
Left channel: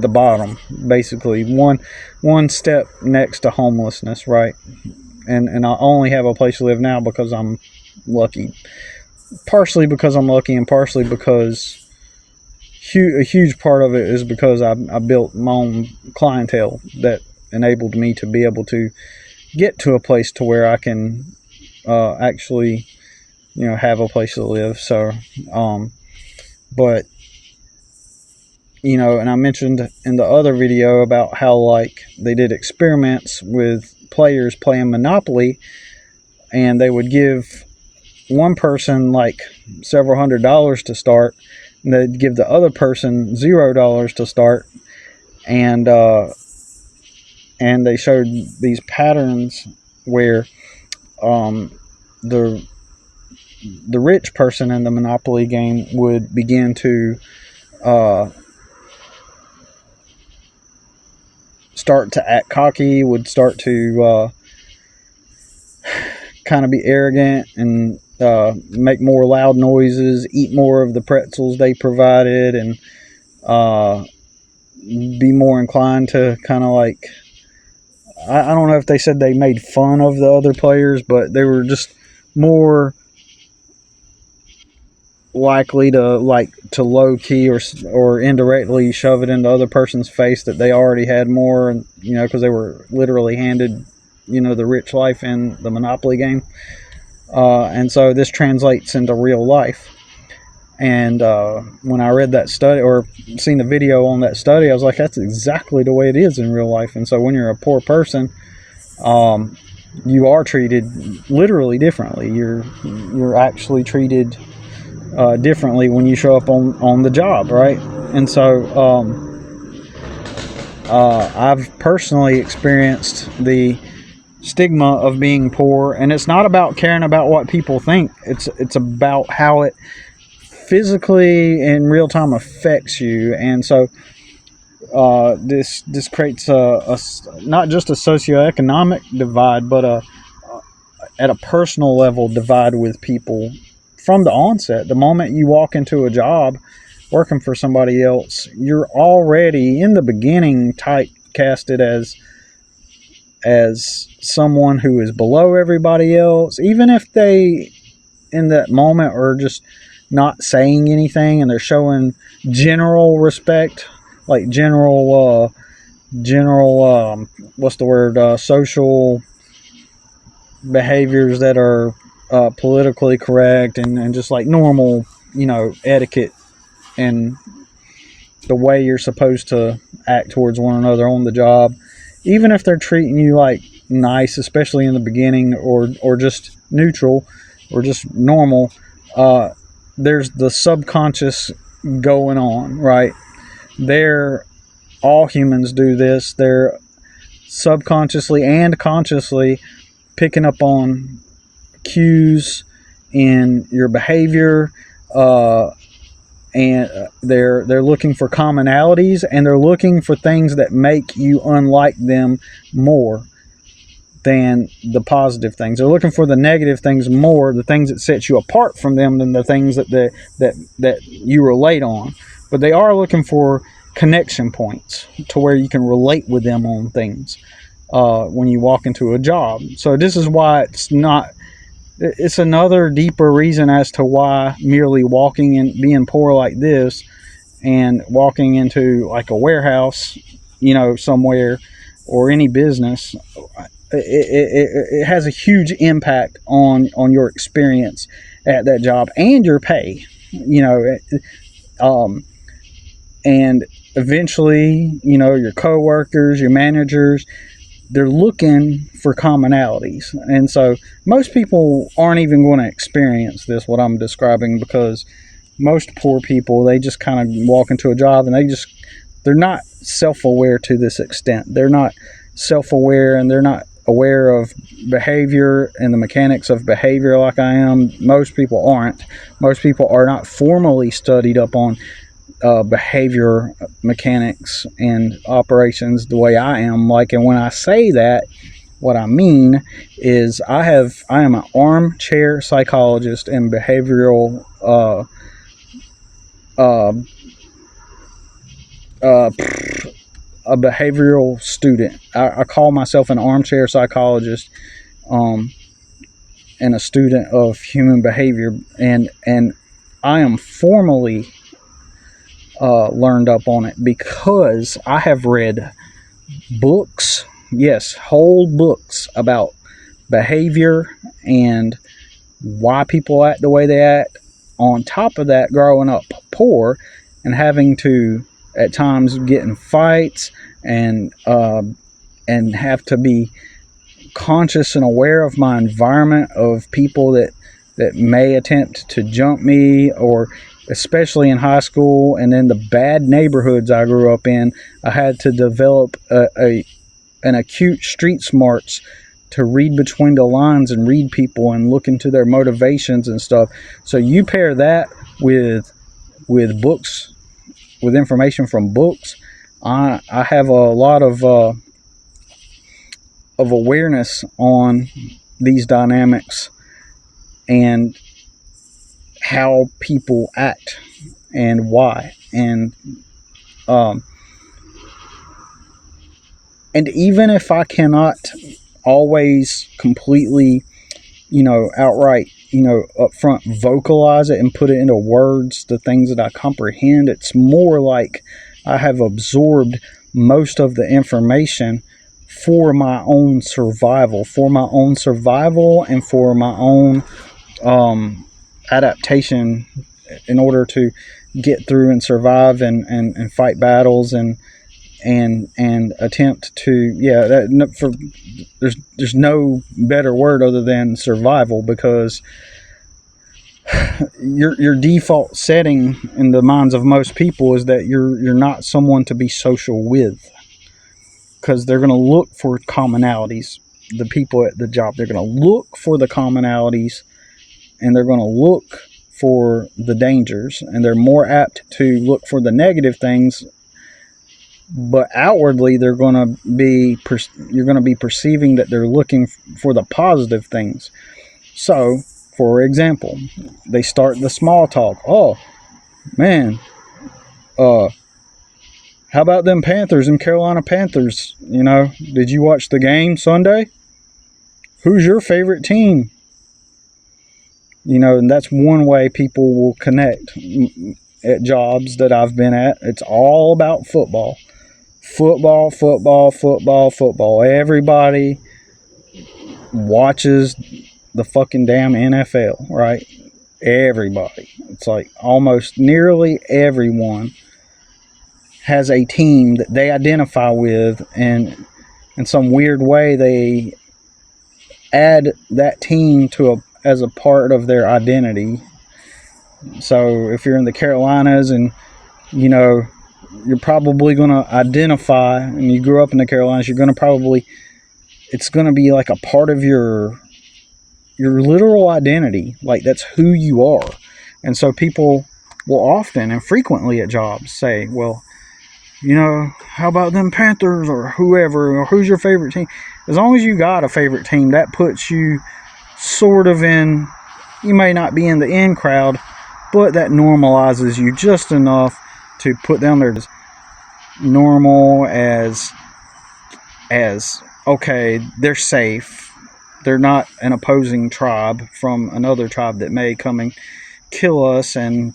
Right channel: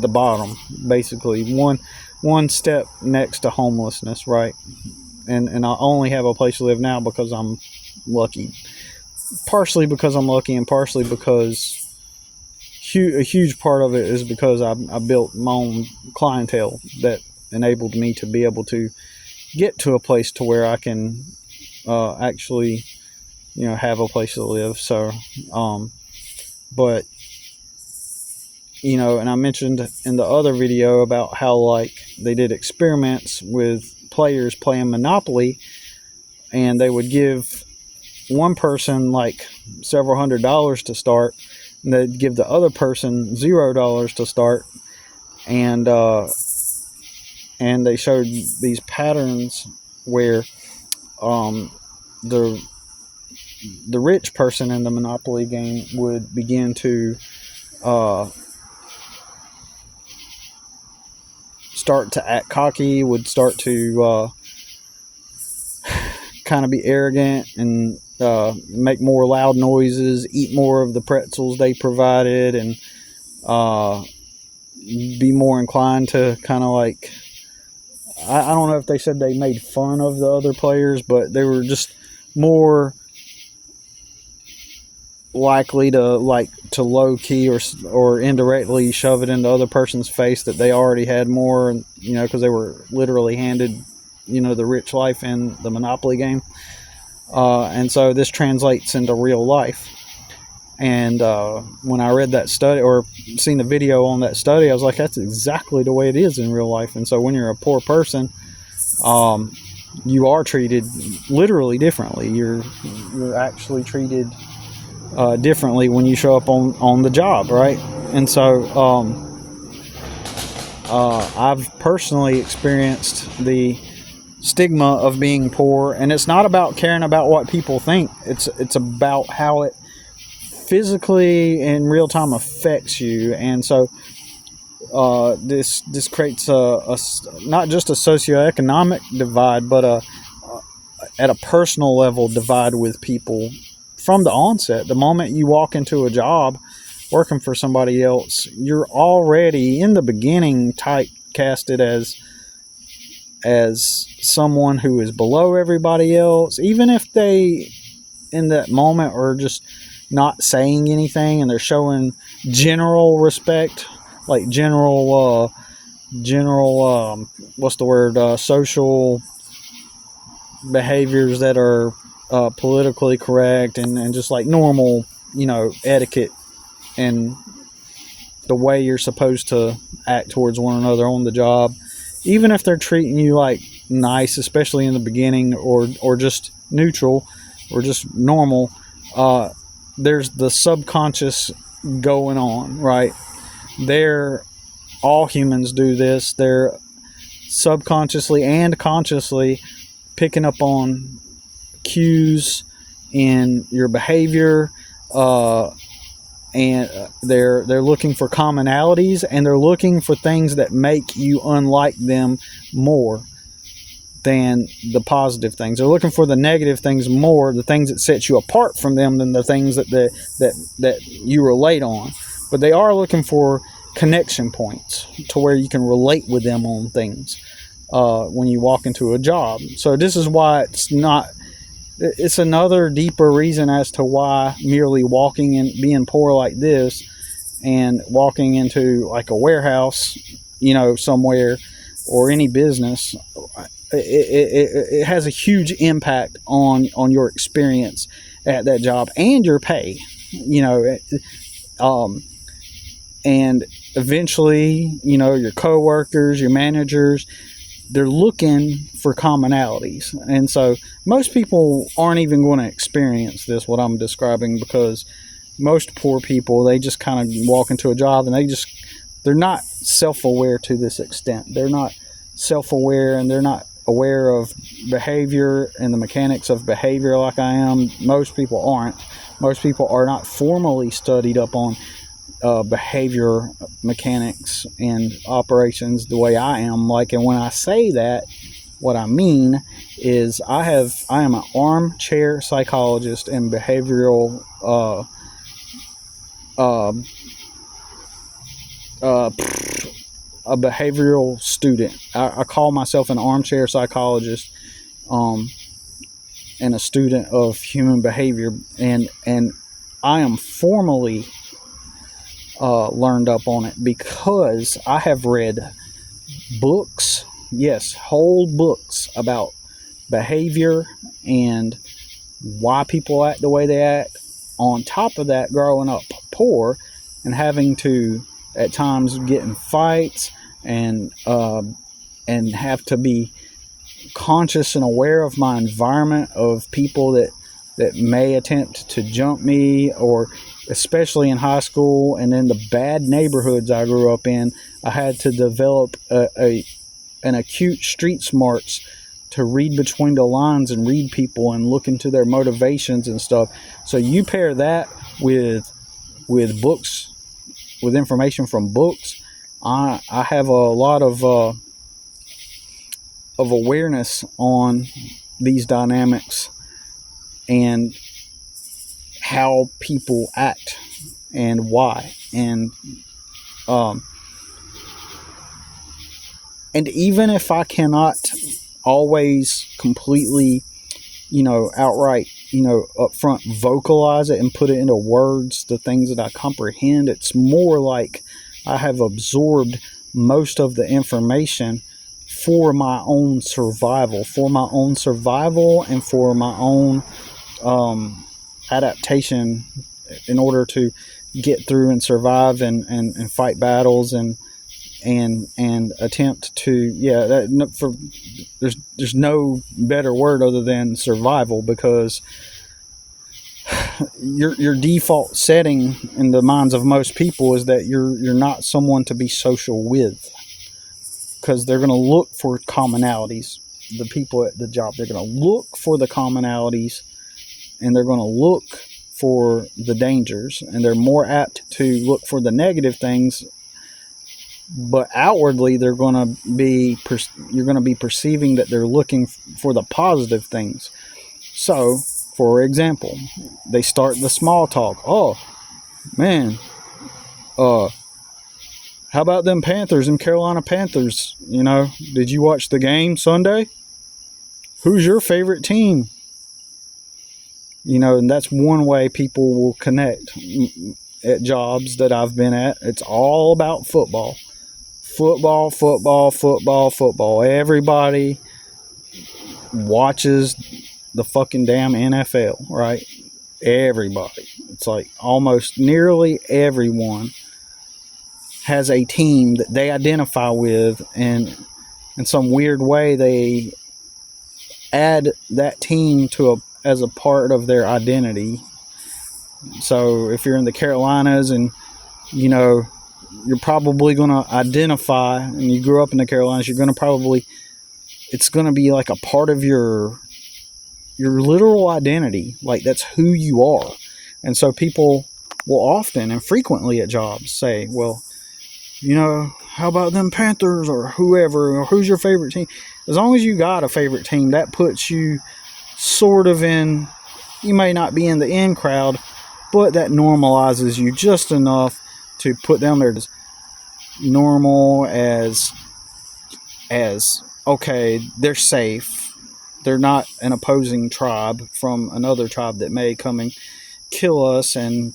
the bottom, basically one step next to homelessness, right? And I only have a place to live now because I'm lucky. Partially because I'm lucky, and partially because a huge part of it is because I built my own clientele that enabled me to be able to get to a place to where I can actually, have a place to live. So, but, and I mentioned in the other video about how, like, they did experiments with players playing Monopoly, and they would give one person like several $100s to start, and they'd give the other person $0 to start, and they showed these patterns where the rich person in the Monopoly game would begin to start to act cocky, would start to kind of be arrogant and make more loud noises, eat more of the pretzels they provided, and be more inclined to kind of like, I don't know if they said they made fun of the other players, but they were just more likely to low key or indirectly shove it in the other person's face that they already had more, and because they were literally handed the rich life in the Monopoly game. And so this translates into real life. And when I read that study or seen the video on that study, I was like, that's exactly the way it is in real life. And so when you're a poor person, you are treated literally differently. You're actually treated differently when you show up on the job, right? And so I've personally experienced the stigma of being poor, and it's not about caring about what people think. It's about how it physically in real time affects you. And so this creates a not just a socioeconomic divide, but at a personal level divide with people from the onset. The moment you walk into a job working for somebody else, you're already in the beginning typecasted as someone who is below everybody else, even if they in that moment are just not saying anything and they're showing general respect, like general social behaviors that are politically correct and just like normal, etiquette and the way you're supposed to act towards one another on the job. Even if they're treating you like nice, especially in the beginning, or just neutral or just normal, there's the subconscious going on, right? all humans do this. They're subconsciously and consciously picking up on cues in your behavior, and they're looking for commonalities, and they're looking for things that make you unlike them more than the positive things. They're looking for the negative things more, the things that set you apart from them, than the things that you relate on. But they are looking for connection points to where you can relate with them on things when you walk into a job. So this is why it's another deeper reason as to why merely walking and being poor like this and walking into like a warehouse, somewhere, or any business, it has a huge impact on your experience at that job and your pay, and eventually, your coworkers, your managers, they're looking for commonalities. And so most people aren't even going to experience this, what I'm describing, because most poor people, they just kind of walk into a job and they're not self-aware to this extent. They're not self-aware, and they're not aware of behavior and the mechanics of behavior like I am. Most people aren't. Most people are not formally studied up on behavior mechanics and operations the way I am. And when I say that, what I mean is I am an armchair psychologist and behavioral a behavioral student. I call myself an armchair psychologist, and a student of human behavior, and I am formally learned up on it because I have read books, yes, whole books about behavior and why people act the way they act. On top of that, growing up poor and having to at times get in fights and have to be conscious and aware of my environment, of people that may attempt to jump me, or especially in high school and in the bad neighborhoods I grew up in, I had to develop an acute street smarts to read between the lines and read people and look into their motivations and stuff. So you pair that with books, with information from books, I have a lot of awareness on these dynamics and how people act and why. And even if I cannot always completely, outright, up front vocalize it and put it into words, the things that I comprehend, it's more like I have absorbed most of the information for my own survival, and for my own adaptation in order to get through and survive and fight battles and attempt to, there's no better word other than survival, because your default setting in the minds of most people is that you're not someone to be social with, because they're going to look for commonalities. The people at the job, they're going to look for the commonalities, and they're going to look for the dangers, and they're more apt to look for the negative things. But outwardly, you're going to be perceiving that they're looking for the positive things. So, for example, they start the small talk. Oh, man, how about them Panthers and Carolina Panthers? Did you watch the game Sunday? Who's your favorite team? And that's one way people will connect at jobs that I've been at. It's all about football. Football, football, football, football. Everybody watches the fucking damn NFL, right? Everybody. It's like almost nearly everyone has a team that they identify with, and in some weird way they add that team as a part of their identity. So if you're in the Carolinas and you're probably going to identify, and you grew up in the Carolinas, you're going to probably, it's going to be like a part of your literal identity. Like, that's who you are. And so people will often and frequently at jobs say, well, you know, how about them Panthers or whoever, or who's your favorite team? As long as you got a favorite team, that puts you sort of in, you may not be in the in crowd, but that normalizes you just enough to put down there as normal, as okay, they're safe. They're not an opposing tribe from another tribe that may come and kill us and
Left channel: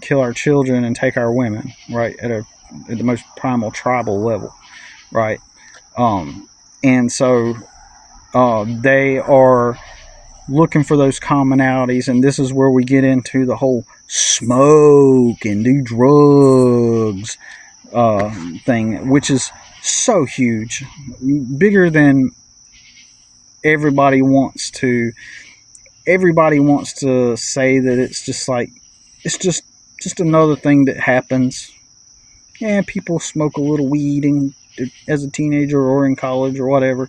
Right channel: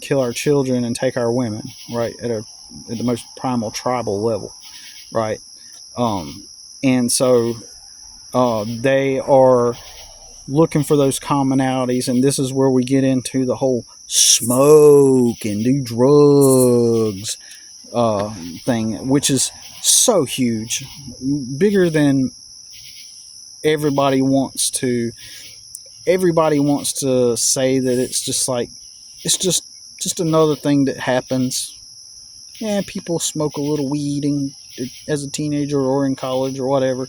kill our children and take our women, right, at the most primal tribal level, right? And so they are looking for those commonalities, and this is where we get into the whole smoke and do drugs thing, which is so huge, bigger than everybody wants to say that it's just like, it's just another thing that happens. Yeah, people smoke a little weed as a teenager or in college or whatever.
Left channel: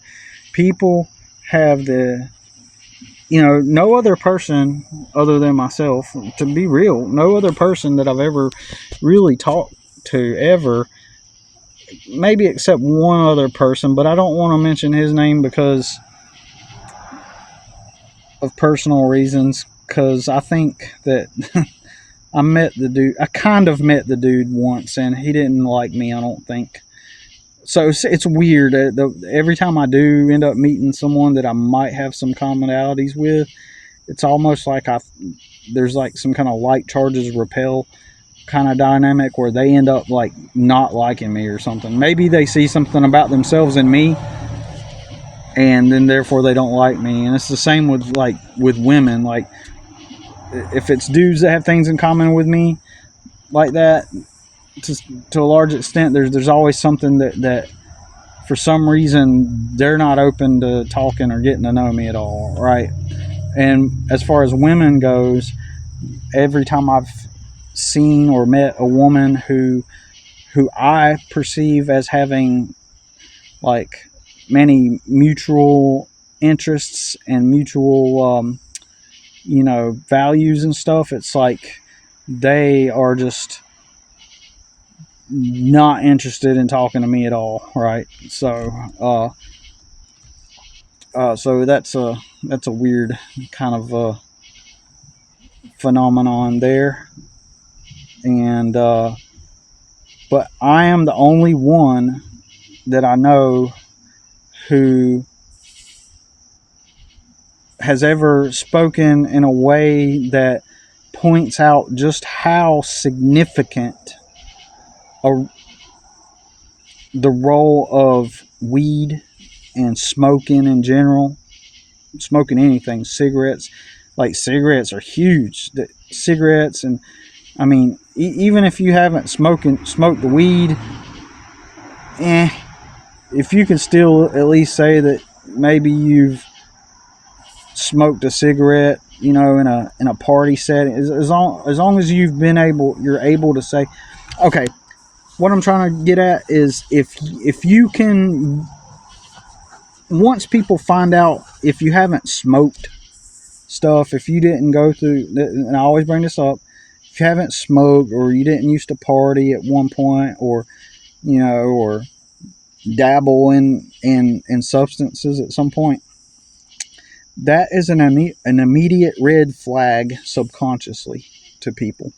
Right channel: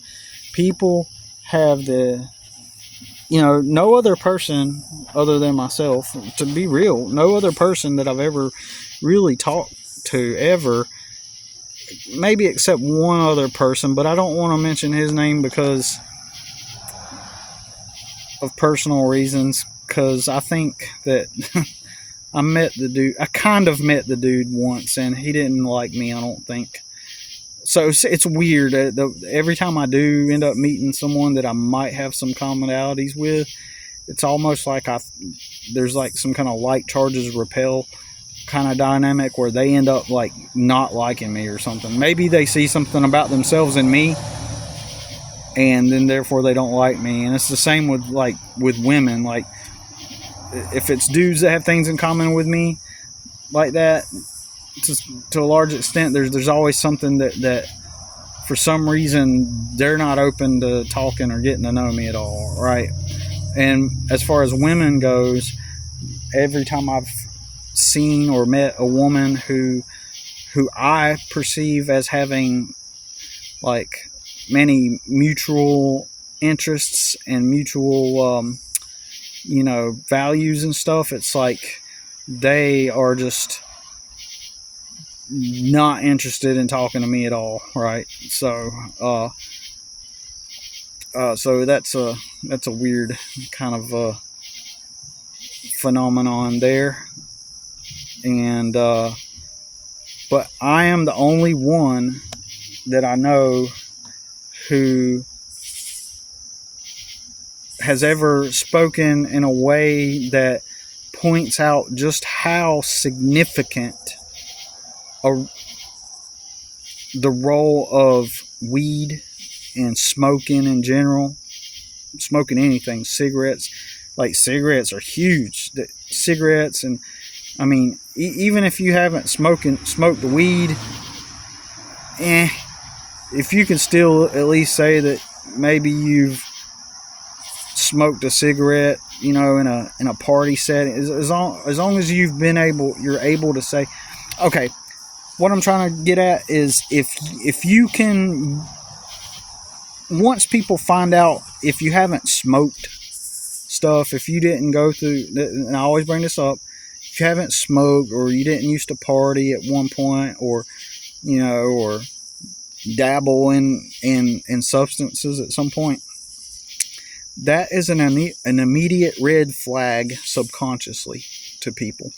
People have no other person other than myself, to be real, no other person that I've ever really talked to ever, maybe except one other person, but I don't want to mention his name because of personal reasons, because I think that I kind of met the dude once, and he didn't like me, I don't think. So it's weird. Every time I do end up meeting someone that I might have some commonalities with, it's almost like there's like some kind of like charges repel kind of dynamic where they end up like not liking me or something. Maybe they see something about themselves in me, and then therefore they don't like me. And it's the same with women. Like, if it's dudes that have things in common with me like that, to a large extent, there's always something that for some reason they're not open to talking or getting to know me at all, right? And as far as women goes, every time I've seen or met a woman who I perceive as having like many mutual interests and mutual values and stuff, it's like they are just not interested in talking to me at all, right? So so that's a weird kind of phenomenon there. And but I am the only one that I know who has ever spoken in a way that points out just how significant the role of weed and smoking in general, smoking anything, cigarettes, like cigarettes are huge. Cigarettes, and I mean, even if you haven't smoked the weed, if you can still at least say that maybe you've smoked a cigarette, in a party setting, as long as you're able to say, okay. What I'm trying to get at is if you can, once people find out, if you haven't smoked stuff, if you didn't go through, and I always bring this up, if you haven't smoked or you didn't used to party at one point, or or dabble in substances at some point, that is an immediate red flag subconsciously to people.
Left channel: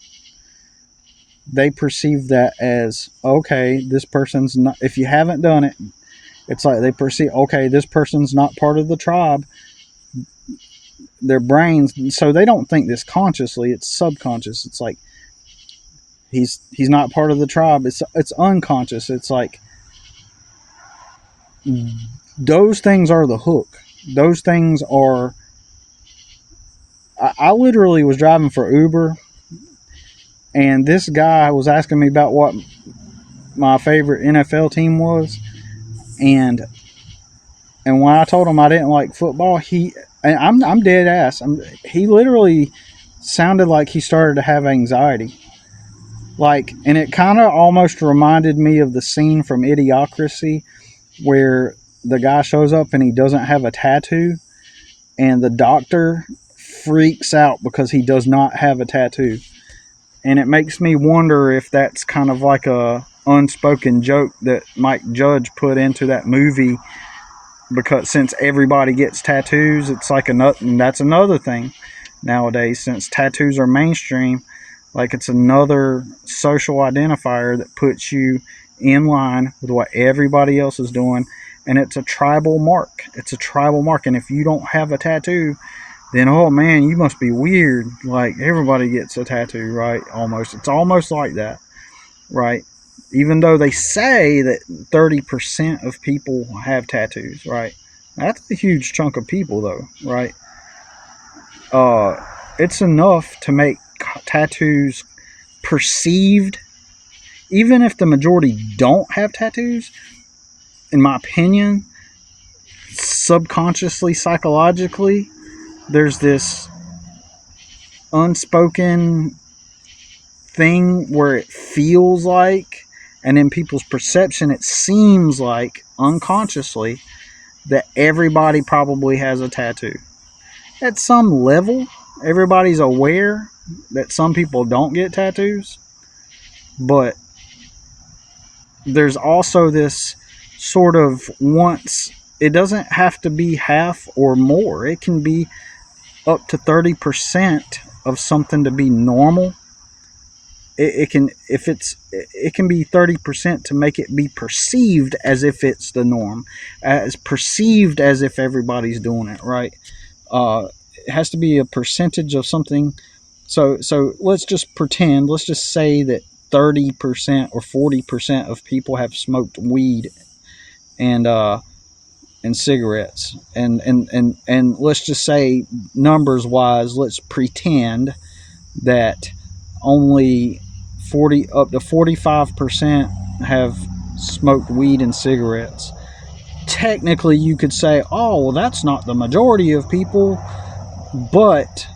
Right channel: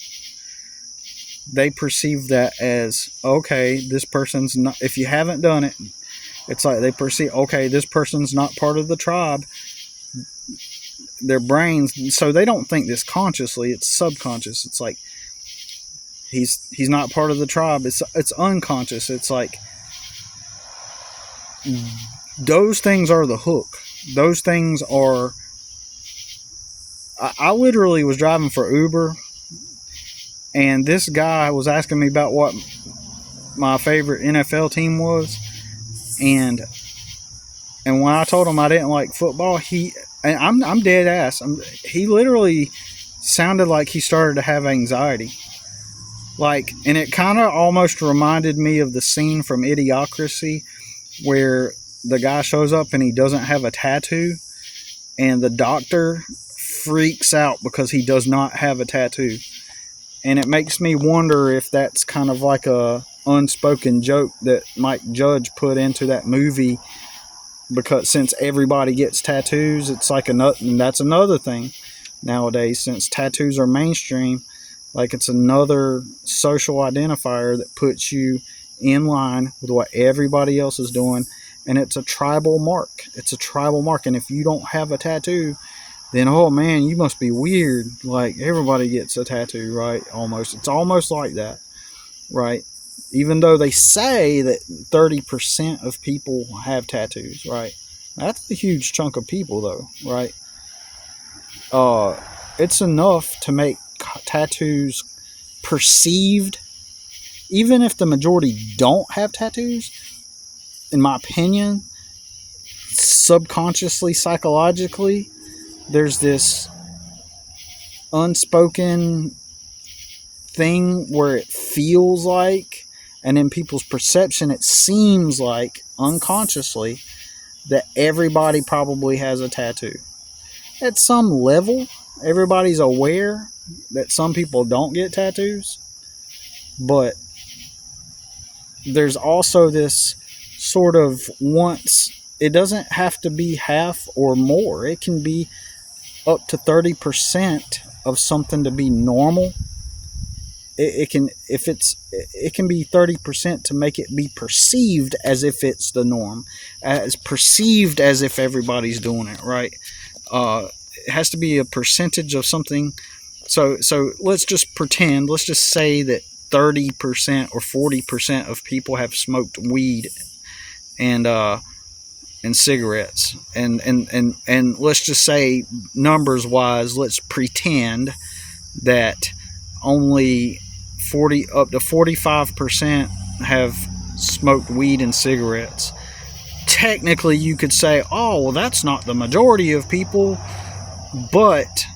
They perceive that as, okay, this person's not, if you haven't done it, it's like they perceive, okay, this person's not part of the tribe. Their brains, so they don't think this consciously, it's subconscious. It's like, he's not part of the tribe. It's unconscious. It's like, those things are the hook. Those things are, I literally was driving for Uber, and this guy was asking me about what my favorite NFL team was, and when I told him I didn't like football, I'm dead ass. He literally sounded like he started to have anxiety. Like, and it kind of almost reminded me of the scene from Idiocracy where the guy shows up and he doesn't have a tattoo, and the doctor freaks out because he does not have a tattoo. And it makes me wonder if that's kind of like a unspoken joke that Mike Judge put into that movie, because since everybody gets tattoos, it's like and that's another thing nowadays, since tattoos are mainstream, like it's another social identifier that puts you in line with what everybody else is doing, and it's a tribal mark. It's a tribal mark, and if you don't have a tattoo, then oh man, you must be weird. Like everybody gets a tattoo, right? Almost. It's almost like that, right? Even though they say that 30% of people have tattoos, right? That's a huge chunk of people, though, right? It's enough to make tattoos perceived, even if the majority don't have tattoos. In my opinion, subconsciously, psychologically, there's this unspoken thing where it feels like, and in people's perception, it seems like unconsciously that everybody probably has a tattoo. At some level, everybody's aware that some people don't get tattoos, but there's also this sort of it doesn't have to be half or more. It can be up to 30% of something to be normal. It can be 30% to make it be perceived as if it's the norm, as perceived as if everybody's doing it, right? It has to be a percentage of something. So let's just say that 30% or 40% of people have smoked weed and cigarettes, and let's just say, numbers wise, let's pretend that only 40 up to 45% have smoked weed and cigarettes. Technically you could say, oh well, that's not the majority of people, but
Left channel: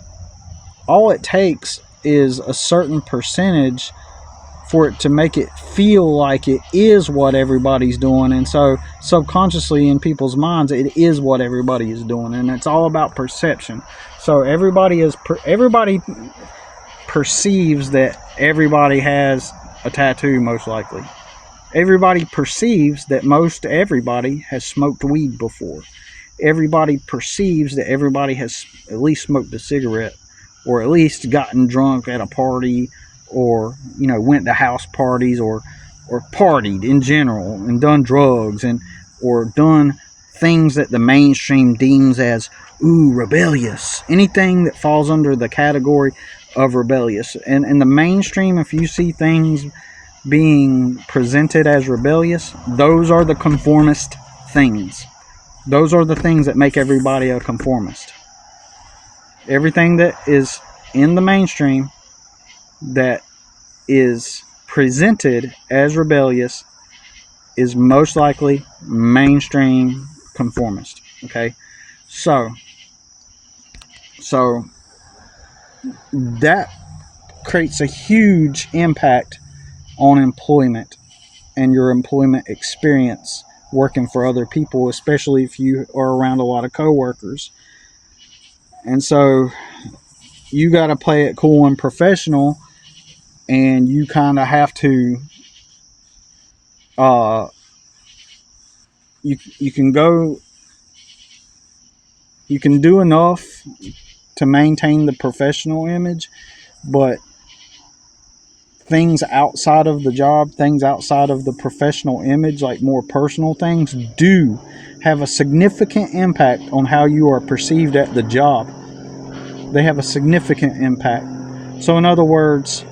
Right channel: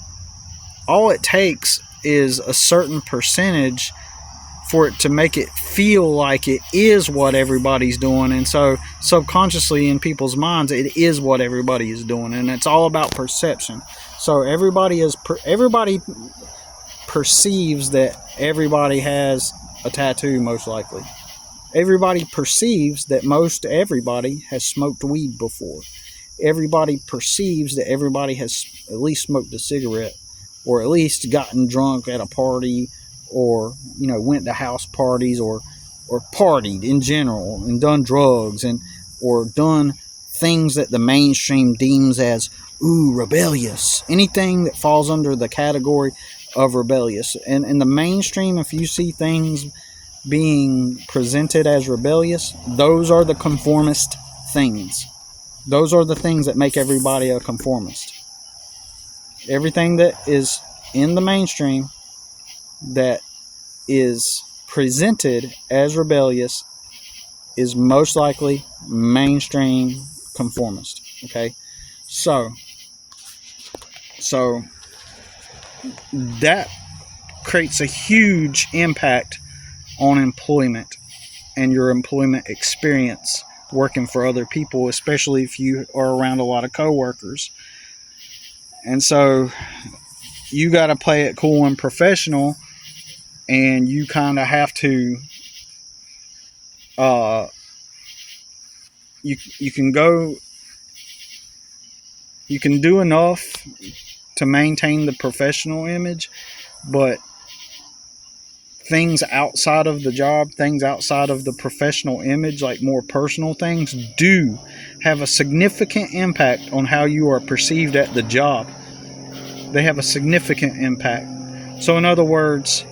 all it takes is a certain percentage for it to make it feel like it is what everybody's doing. And so subconsciously in people's minds, it is what everybody is doing, and it's all about perception. So everybody perceives that everybody has a tattoo, most likely. Everybody perceives that most everybody has smoked weed before. Everybody perceives that everybody has at least smoked a cigarette, or at least gotten drunk at a party, or went to house parties, or partied in general and done drugs, or done things that the mainstream deems as rebellious. Anything that falls under the category of rebellious. And in the mainstream, if you see things being presented as rebellious, those are the conformist things. Those are the things that make everybody a conformist. Everything that is in the mainstream that is presented as rebellious is most likely mainstream conformist. Okay, so that creates a huge impact on employment and your employment experience working for other people, especially if you are around a lot of coworkers. And so you got to play it cool and professional, and you kind of have to you can do enough to maintain the professional image, but things outside of the job, things outside of the professional image, like more personal things, do have a significant impact on how you are perceived at the job. They have a significant impact. So in other words,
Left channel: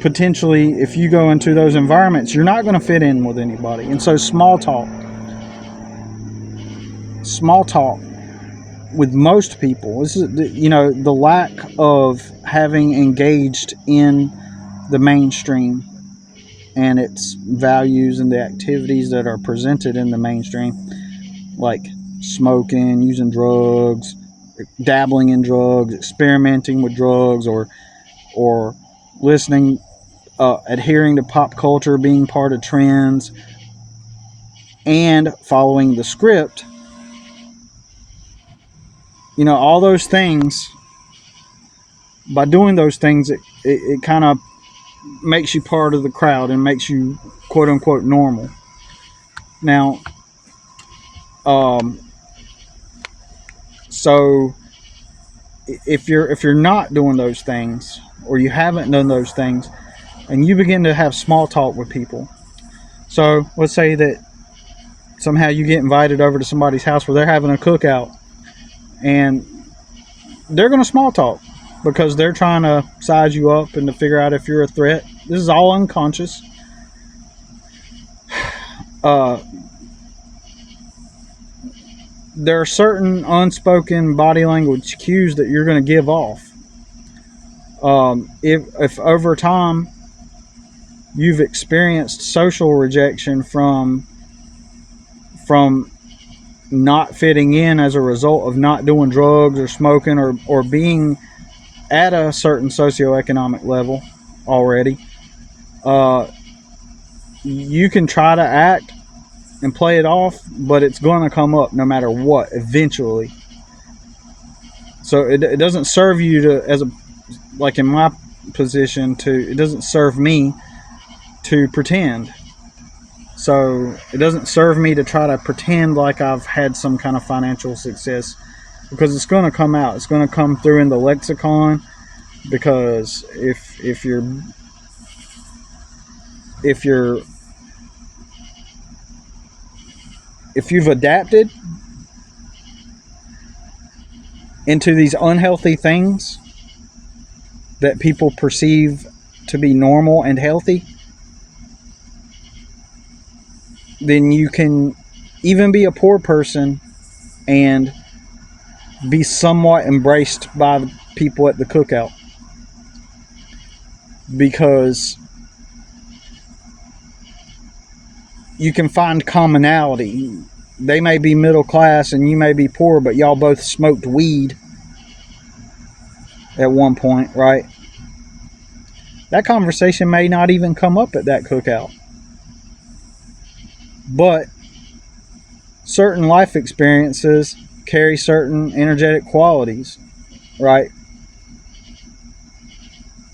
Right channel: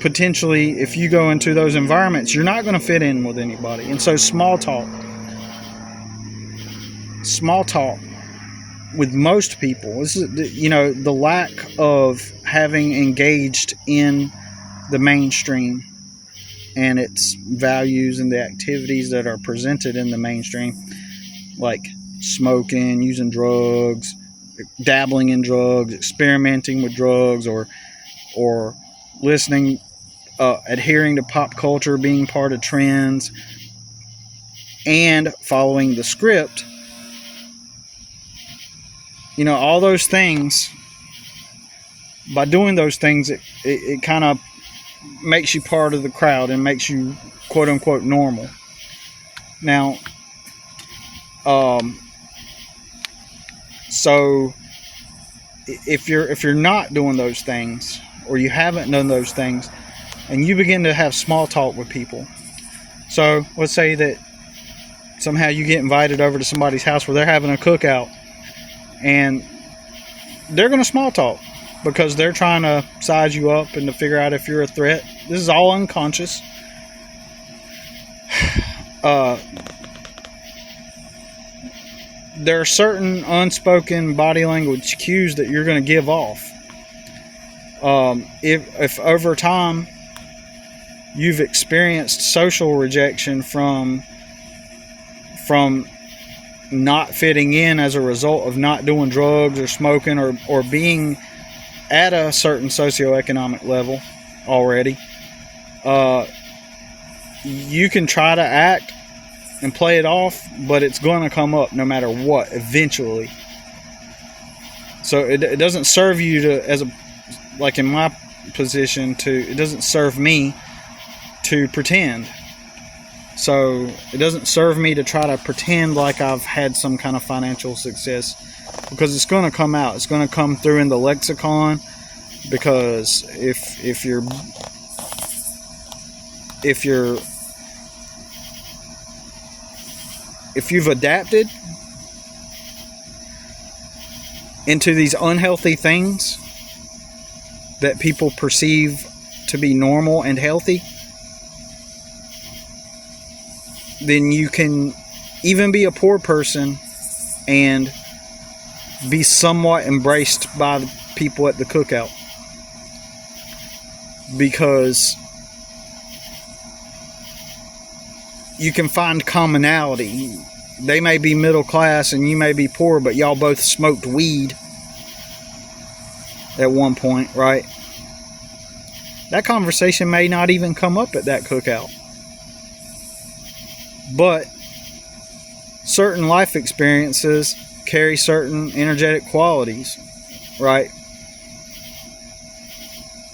potentially, if you go into those environments, you're not going to fit in with anybody. And so small talk with most people, this is, the lack of having engaged in the mainstream and its values and the activities that are presented in the mainstream, like smoking, using drugs, dabbling in drugs, experimenting with drugs, or listening, adhering to pop culture, being part of trends, and following the script. You know, all those things, by doing those things, it kind of makes you part of the crowd and makes you quote unquote normal. Now, so if you're not doing those things, or you haven't done those things, and you begin to have small talk with people, so let's say that somehow you get invited over to somebody's house where they're having a cookout, and they're going to small talk because they're trying to size you up and to figure out if you're a threat. This is all unconscious. There are certain unspoken body language cues that you're going to give off. If over time you've experienced social rejection from not fitting in as a result of not doing drugs or smoking or being at a certain socioeconomic level already, you can try to act and play it off, but it's going to come up no matter what eventually. So it doesn't serve you to, like in my position, it doesn't serve me to pretend. So it doesn't serve me to try to pretend like I've had some kind of financial success, because it's going to come out. It's going to come through in the lexicon, because if you've adapted into these unhealthy things that people perceive to be normal and healthy, then you can even be a poor person and be somewhat embraced by the people at the cookout, because you can find commonality. They may be middle class and you may be poor, but y'all both smoked weed at one point, right? That conversation may not even come up at that cookout. But certain life experiences carry certain energetic qualities, right?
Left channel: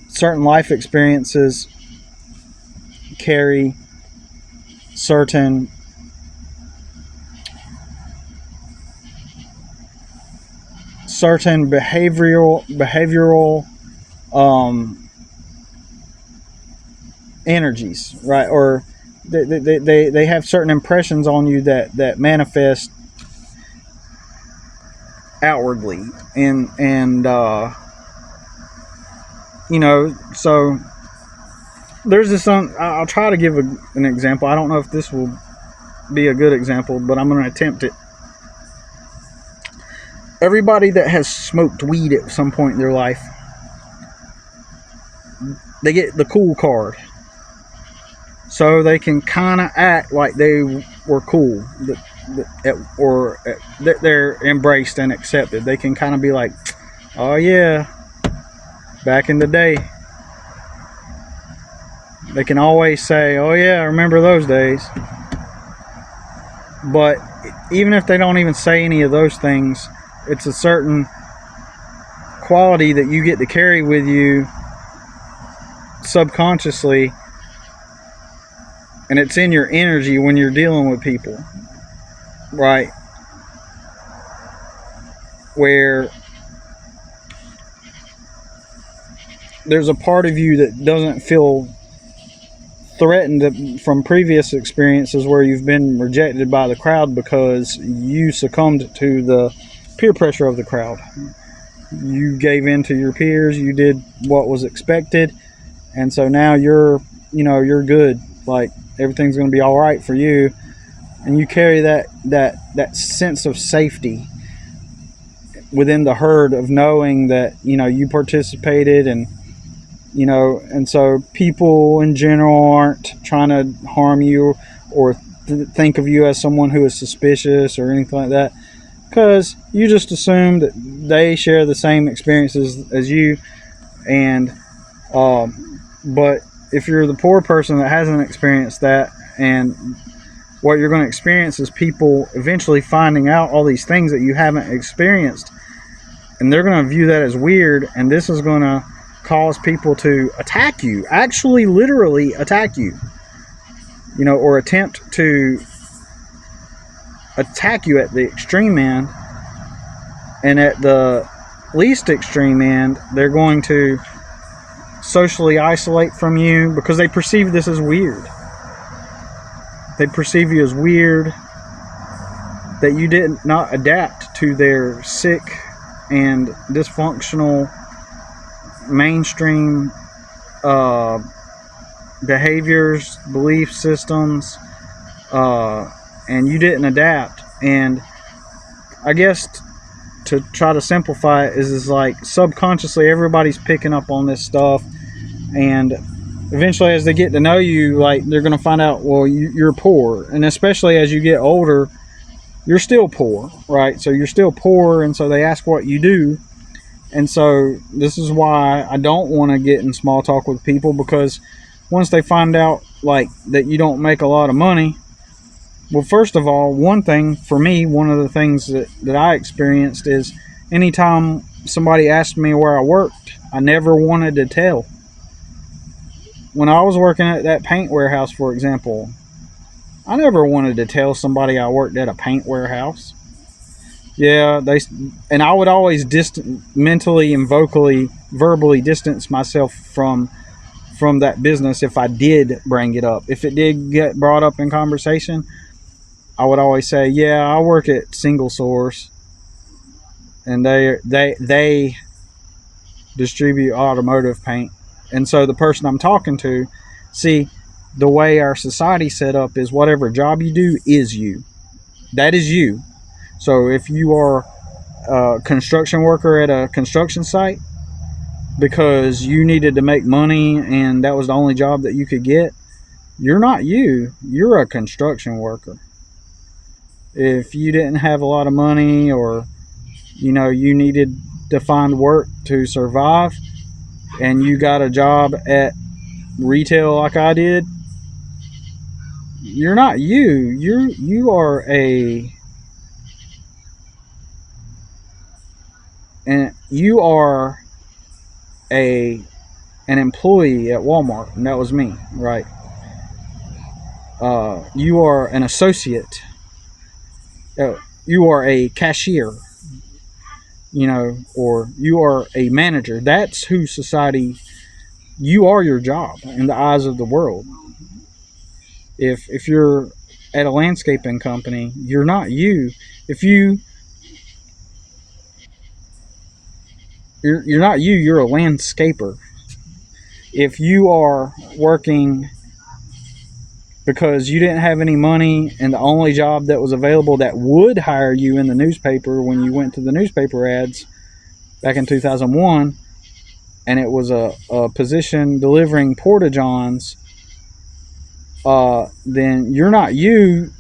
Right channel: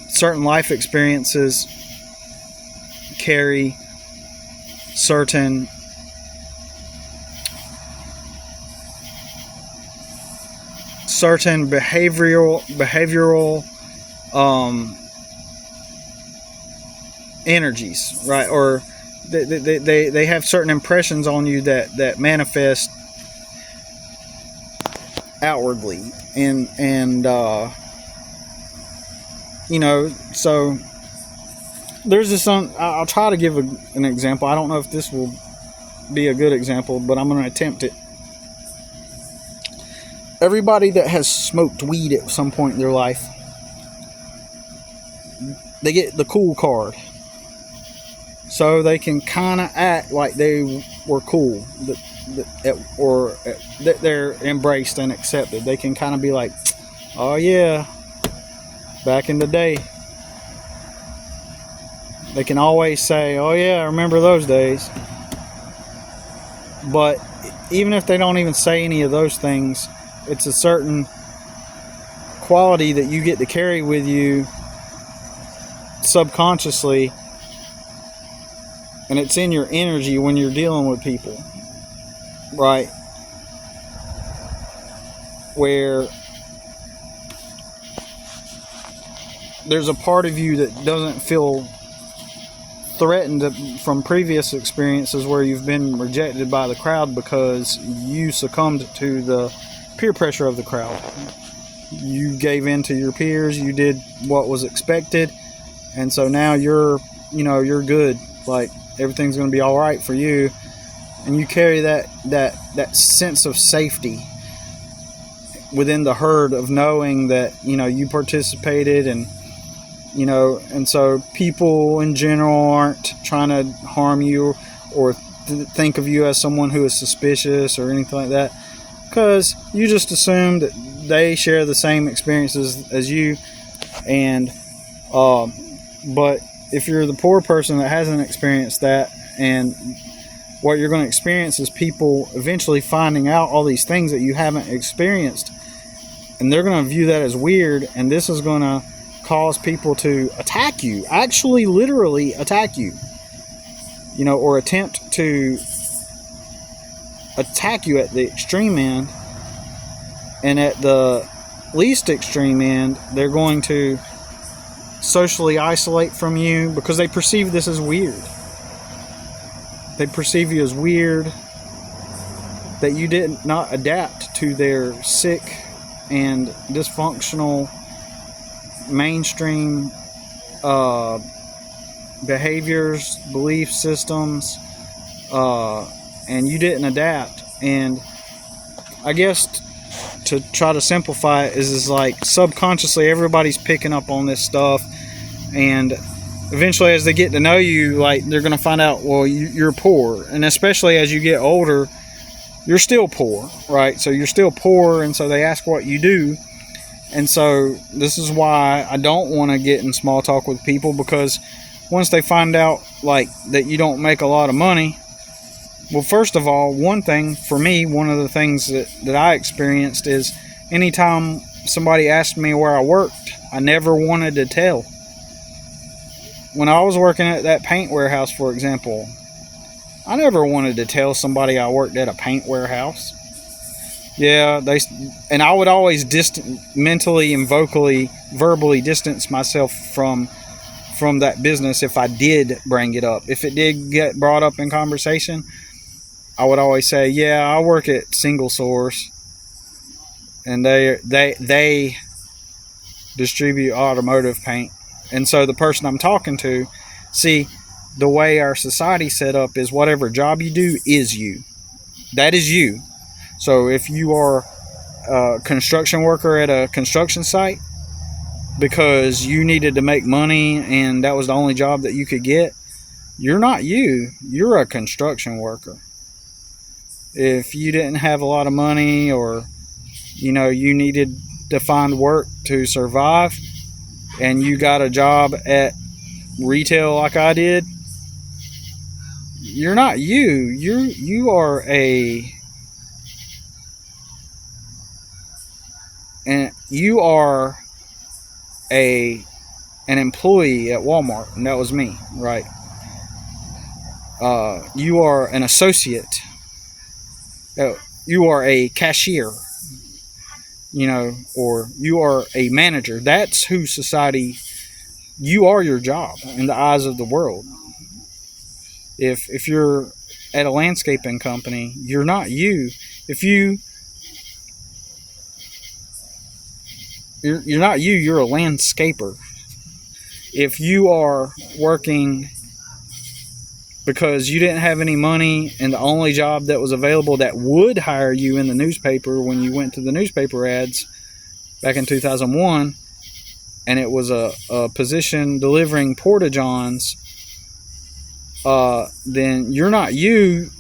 Certain life experiences carry certain behavioral energies, right? Or they have certain impressions on you that manifest outwardly, and you know, so there's this I'll try to give an example. I don't know if this will be a good example, but I'm going to attempt it. Everybody that has smoked weed at some point in their life, they get the cool card, so they can kind of act like they were cool, or that they're embraced and accepted. They can kind of be like, oh yeah, back in the day. They can always say, oh yeah, I remember those days. But even if they don't even say any of those things, it's a certain quality that you get to carry with you subconsciously, and it's in your energy when you're dealing with people, right? Where there's a part of you that doesn't feel threatened from previous experiences where you've been rejected by the crowd because you succumbed to the peer pressure of the crowd. You gave in to your peers, you did what was expected, and so now you're good. Like, everything's going to be all right for you, and you carry that sense of safety within the herd of knowing that you participated, and so people in general aren't trying to harm you or think of you as someone who is suspicious or anything like that, because you just assume that they share the same experiences as you, and But if you're the poor person that hasn't experienced that, and what you're going to experience is people eventually finding out all these things that you haven't experienced, and they're going to view that as weird, and this is going to cause people to attack you, actually literally attack you, or attempt to attack you at the extreme end. And at the least extreme end, they're going to socially isolate from you because they perceive this as weird. They perceive you as weird, that you did not adapt to their sick and dysfunctional mainstream behaviors, belief systems, and you didn't adapt. And I guess to try to simplify it is like subconsciously everybody's picking up on this stuff, and eventually as they get to know you, like, they're going to find out, well, you're poor. And especially as you get older, you're still poor, right? So you're still poor, and so they ask what you do. And so this is why I don't want to get in small talk with people, because once they find out, like, that you don't make a lot of money, well, first of all, one thing for me, one of the things that I experienced is anytime somebody asked me where I worked, I never wanted to tell. When I was working at that paint warehouse, for example, I never wanted to tell somebody I worked at a paint warehouse. Yeah, and I would always mentally and verbally distance myself from that business if I did bring it up. If it did get brought up in conversation, I would always say, yeah, I work at Single Source, and they distribute automotive paint. And so the person I'm talking to, see, the way our society's set up is whatever job you do is you. That is you. So if you are a construction worker at a construction site because you needed to make money and that was the only job that you could get, you're not you. You're a construction worker. If you didn't have a lot of money, or you needed to find work to survive, and you got a job at retail like I did, you're not you. You are an employee at Walmart, and that was me, right? You are an associate. You are a cashier, or you are a manager. That's who society, you are your job in the eyes of the world. If you're at a landscaping company, you're not you. You're not you, you're a landscaper. If you are working because you didn't have any money and the only job that was available that would hire you in the newspaper when you went to the newspaper ads back in 2001, and it was a position delivering porta-johns, then you're not you.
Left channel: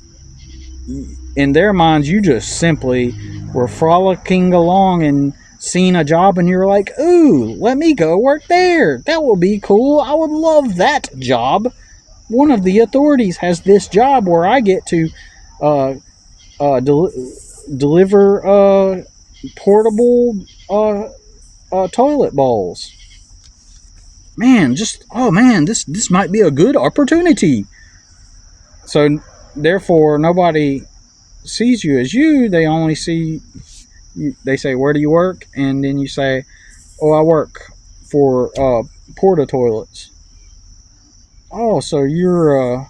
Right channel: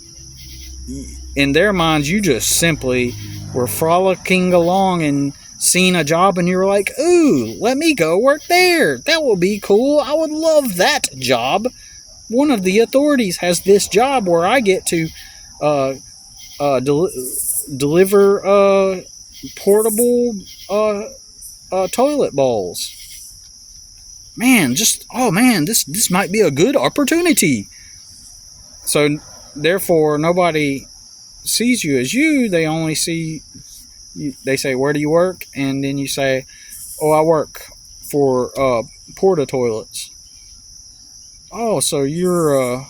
In their minds, you just simply were frolicking along and seen a job and you were like, ooh, let me go work there. That will be cool. I would love that job. One of the authorities has this job where I get to deliver portable toilet bowls. Man, this might be a good opportunity. So therefore, nobody sees you as you. They only see you. They say, where do you work? And then you say, oh, I work for porta toilets. Oh, so you're a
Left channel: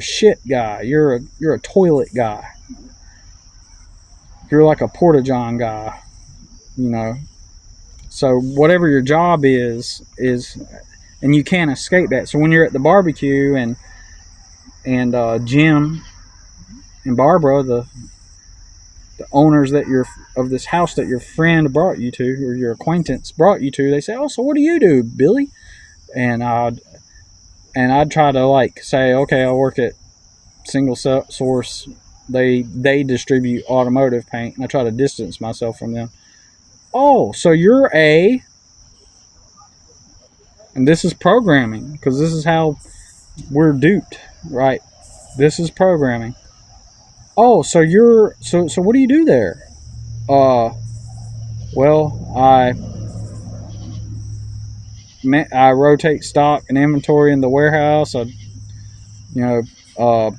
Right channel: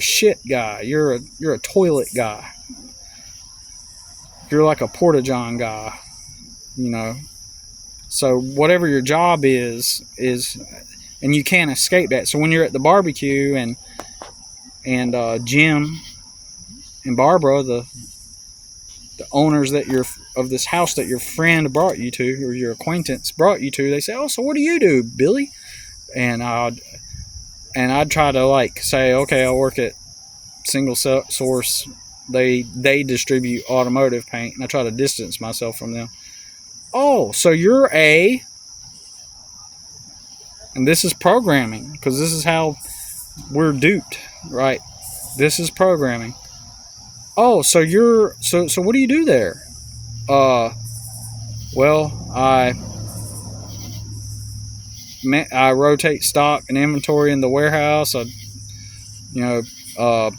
shit guy. You're a toilet guy. You're like a porta-john guy, So whatever your job is, and you can't escape that. So when you're at the barbecue and Jim and Barbara, the owners of this house that your friend brought you to, or your acquaintance brought you to, they say, oh, so what do you do, Billy? And I'd try to say, okay, I work at Single Source. They distribute automotive paint, and I try to distance myself from them. Oh, so you're and And this is programming, because this is how we're duped, right? This is programming. Oh, so you're so what do you do there? Well, I rotate stock and inventory in the warehouse. You know, uh,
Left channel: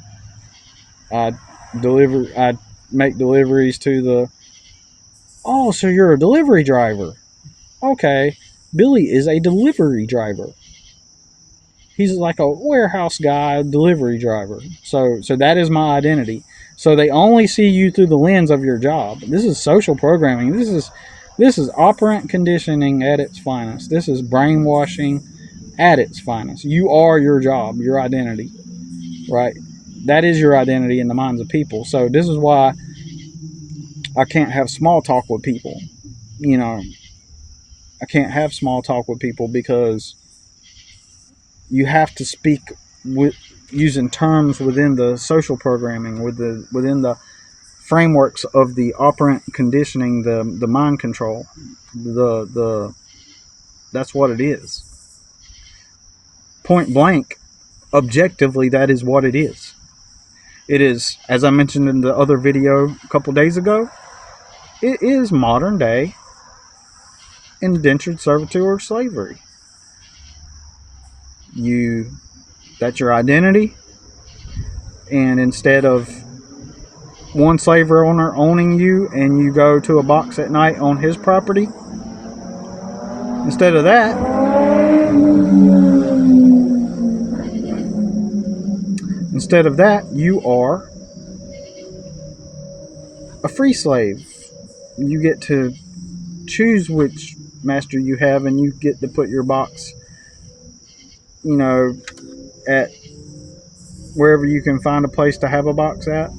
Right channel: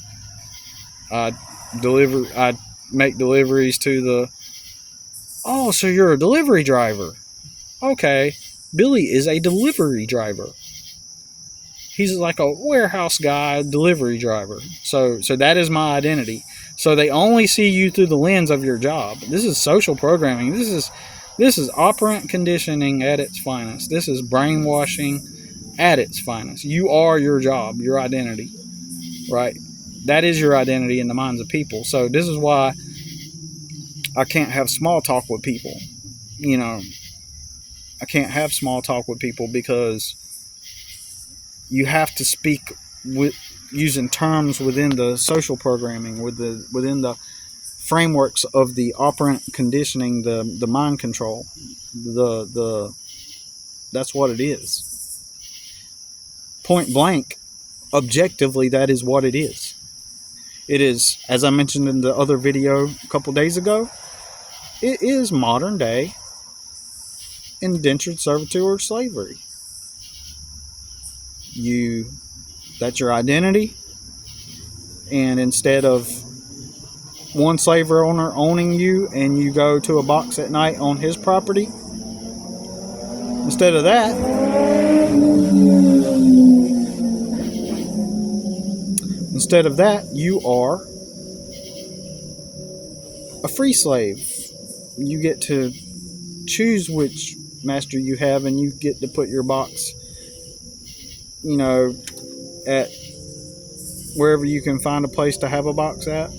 I I make deliveries to the. Oh, so you're a delivery driver? Okay, Billy is a delivery driver. He's like a warehouse guy, delivery driver. So that is my identity. So they only see you through the lens of your job. This is social programming. This is operant conditioning at its finest. This is brainwashing at its finest. You are your job, your identity, right? That is your identity in the minds of people. So this is why I can't have small talk with people. You know, I can't have small talk with people because you have to speak with using terms within the social programming, within the frameworks of the operant conditioning, the mind control. That's what it is. Point blank, objectively, that is what it is. It is, as I mentioned in the other video a couple days ago, it is modern day indentured servitude or slavery. That's your identity, and instead of one slave owner owning you and you go to a box at night on his property, instead of that you are a free slave. You get to choose which master you have, and you get to put your box, you know, at wherever you can find a place to have a box at,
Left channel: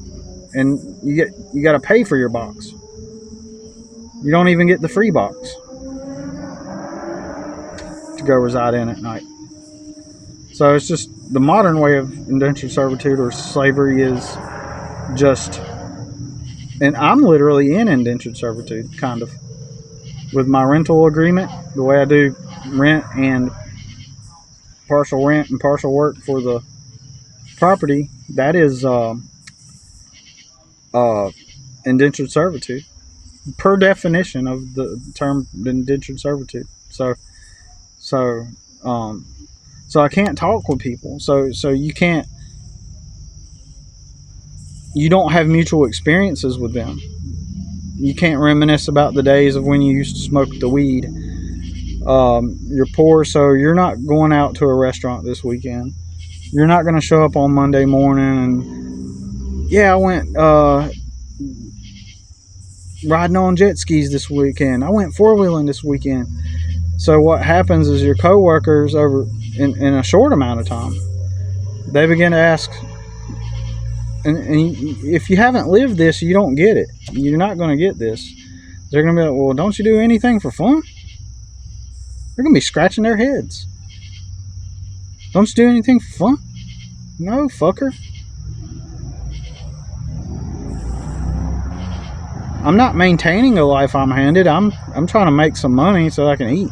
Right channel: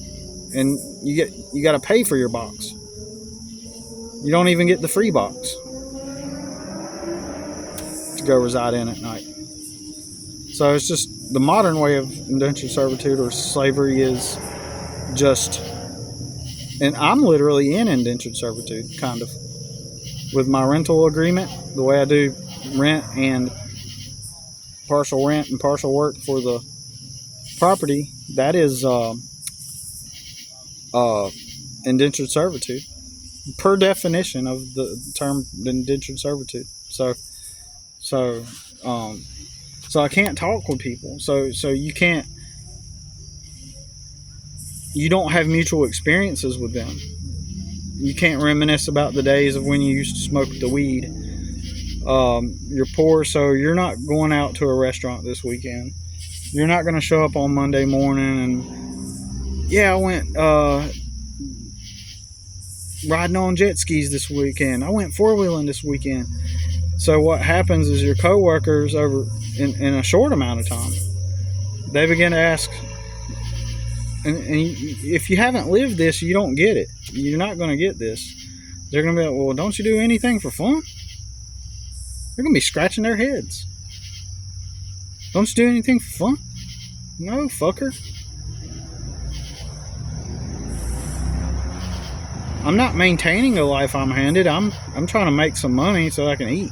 and you got to pay for your box. You don't even get the free box to go reside in at night. So it's just the modern way of indentured servitude or slavery is just, and I'm literally in indentured servitude, kind of, with my rental agreement, the way I do rent and partial rent and partial work for the property. That is indentured servitude, per definition of the term indentured servitude. So I can't talk with people. So you don't have mutual experiences with them. You can't reminisce about the days of when you used to smoke the weed. You're poor, so you're not going out to a restaurant this weekend. You're not going to show up on Monday morning and, yeah, I went riding on jet skis this weekend. I went four-wheeling this weekend. So what happens is your coworkers over in a short amount of time, they begin to ask, and if you haven't lived this, you don't get it. You're not going to get this. They're going to be like, well, don't you do anything for fun? They're going to be scratching their heads. Don't you do anything for fun? No, fucker. I'm not maintaining the life I'm handed. I'm trying to make some money so I can eat.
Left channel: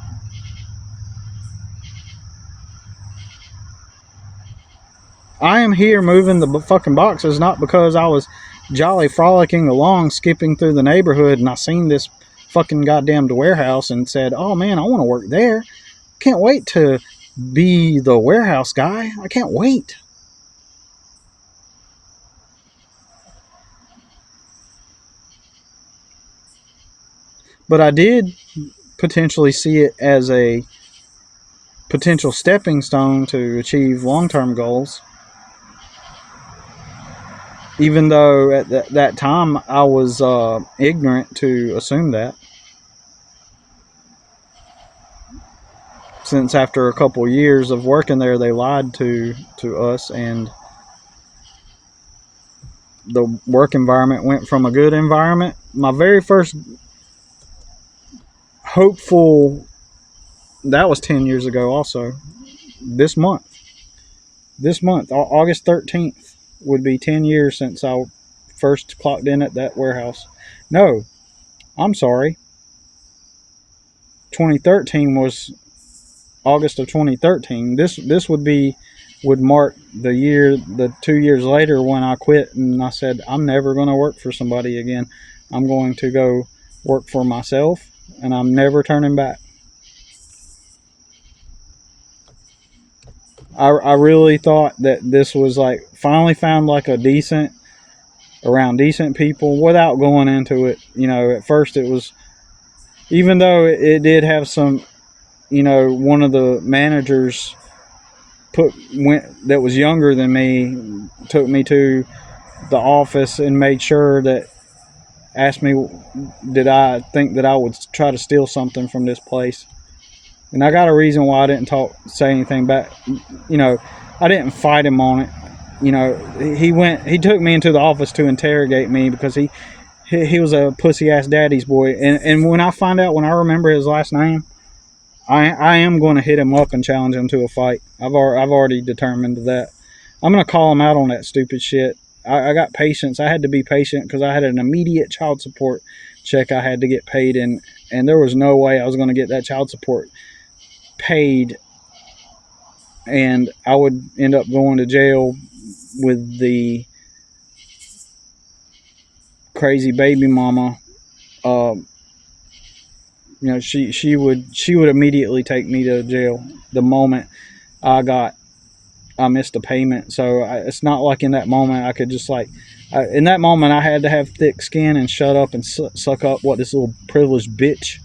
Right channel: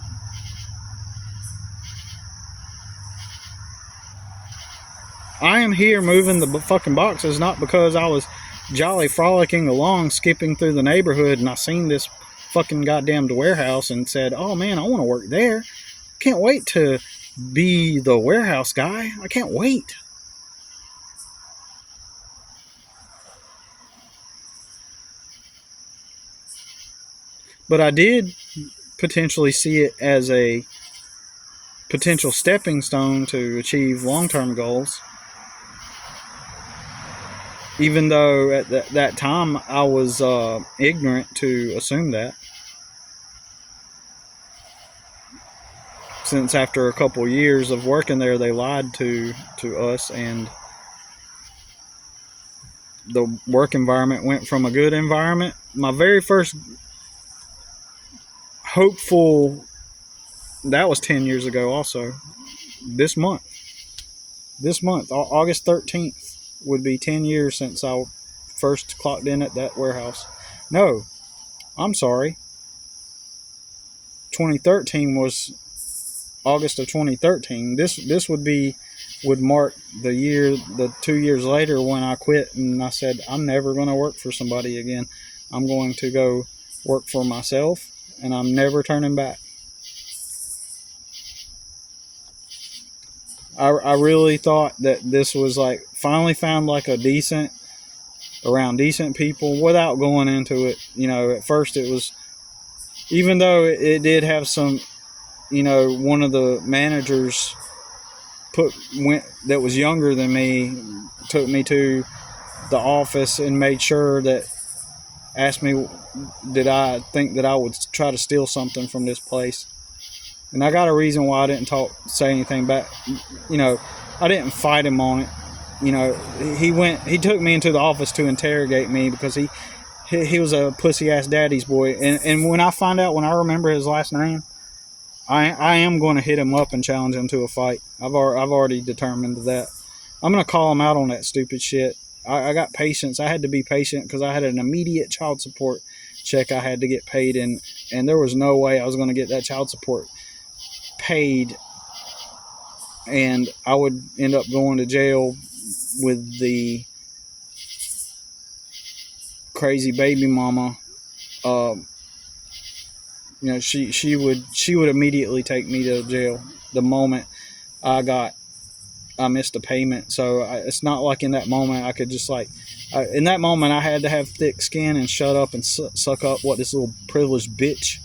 I am here moving the fucking boxes not because I was jolly frolicking along, skipping through the neighborhood, and I seen this fucking goddamn warehouse and said, oh man, I want to work there. Can't wait to be the warehouse guy. I can't wait. But I did potentially see it as a potential stepping stone to achieve long-term goals. Even though at that time I was ignorant to assume that. Since after a couple of years of working there, they lied to us, and the work environment went from a good environment. My very first hopeful, that was 10 years ago also. This month, August 13th, would be 10 years since I first clocked in at that warehouse. No, I'm sorry. 2013 was August of 2013. This would mark the 2 years later when I quit and I said I'm never going to work for somebody again. I'm going to go work for myself, and I'm never turning back. I really thought that this was like finally found like around decent people without going into it. At first it was, even though it did have some, one of the managers that was younger than me took me to the office and made sure that asked me did I think that I would try to steal something from this place. And I got a reason why I didn't say anything back. I didn't fight him on it. He took me into the office to interrogate me because he was a pussy ass daddy's boy. And when I remember his last name, I am going to hit him up and challenge him to a fight. I've already determined that. I'm going to call him out on that stupid shit. I got patience. I had to be patient because I had an immediate child support check I had to get paid, and there was no way I was going to get that child support paid and I would end up going to jail with the crazy baby mama. She would immediately take me to jail the moment I missed a payment. So it's not like in that moment I could just in that moment I had to have thick skin and shut up and suck up what this little privileged bitch,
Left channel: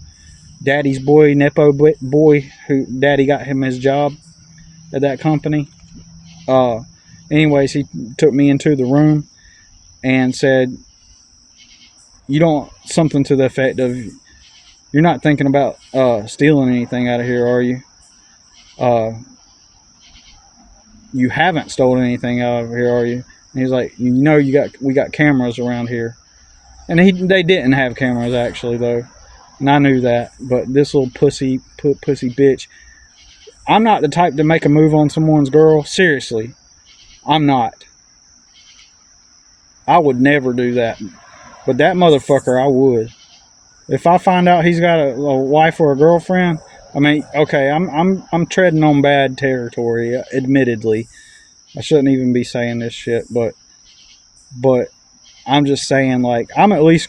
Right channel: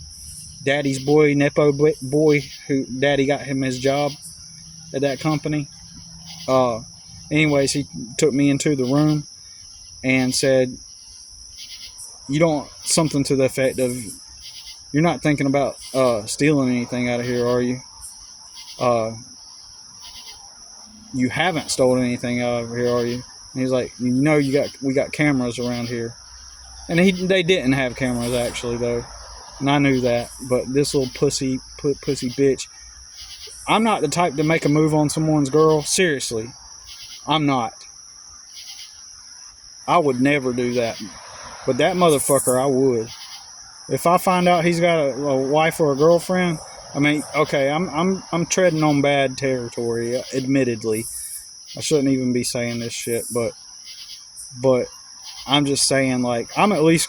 daddy's boy, nepo boy, who daddy got him his job at that company. Anyways, he took me into the room and said, something to the effect of, you're not thinking about stealing anything out of here, are you? You haven't stolen anything out of here, are you? And he's like, we got cameras around here. And they didn't have cameras actually though. And I knew that, but this little pussy bitch, I'm not the type to make a move on someone's girl. Seriously, I'm not. I would never do that. But that motherfucker, I would. If I find out he's got a wife or a girlfriend, I mean, okay, I'm treading on bad territory, admittedly. I shouldn't even be saying this shit, but I'm just saying, I'm at least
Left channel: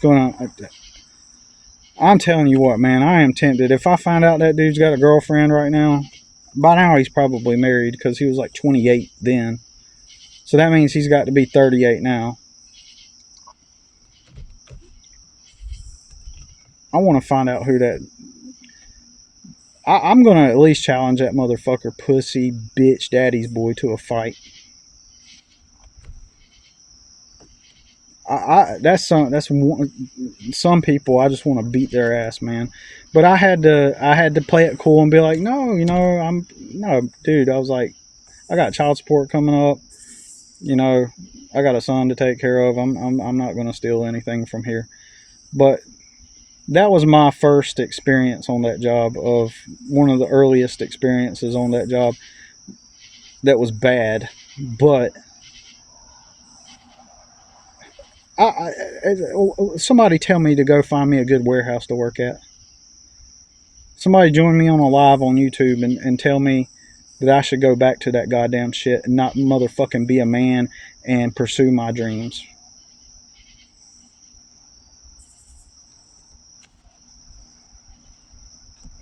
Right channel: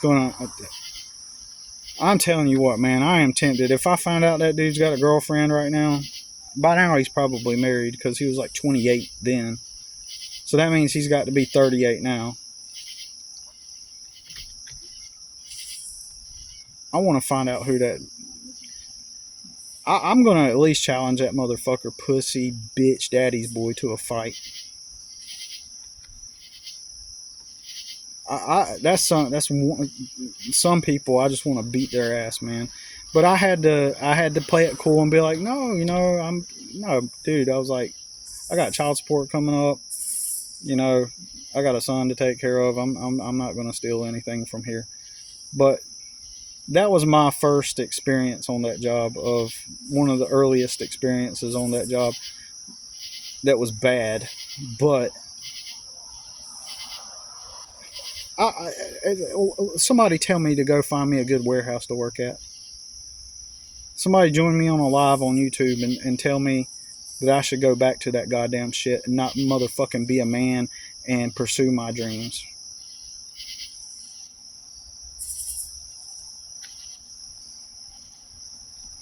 I'm telling you what, man, I am tempted. If I find out that dude's got a girlfriend right now, by now he's probably married because he was 28 then. So that means he's got to be 38 now. I want to find out who that... I'm going to at least challenge that motherfucker, pussy, bitch, daddy's boy to a fight. That's some people I just want to beat their ass, man. But I had to play it cool and be like, no, dude. I was like, I got child support coming up. I got a son to take care of. I'm not going to steal anything from here. But that was my first experience on that job, of one of the earliest experiences on that job that was bad. But somebody tell me to go find me a good warehouse to work at. Somebody join me on a live on YouTube and tell me that I should go back to that goddamn shit and not motherfucking be a man and pursue my dreams.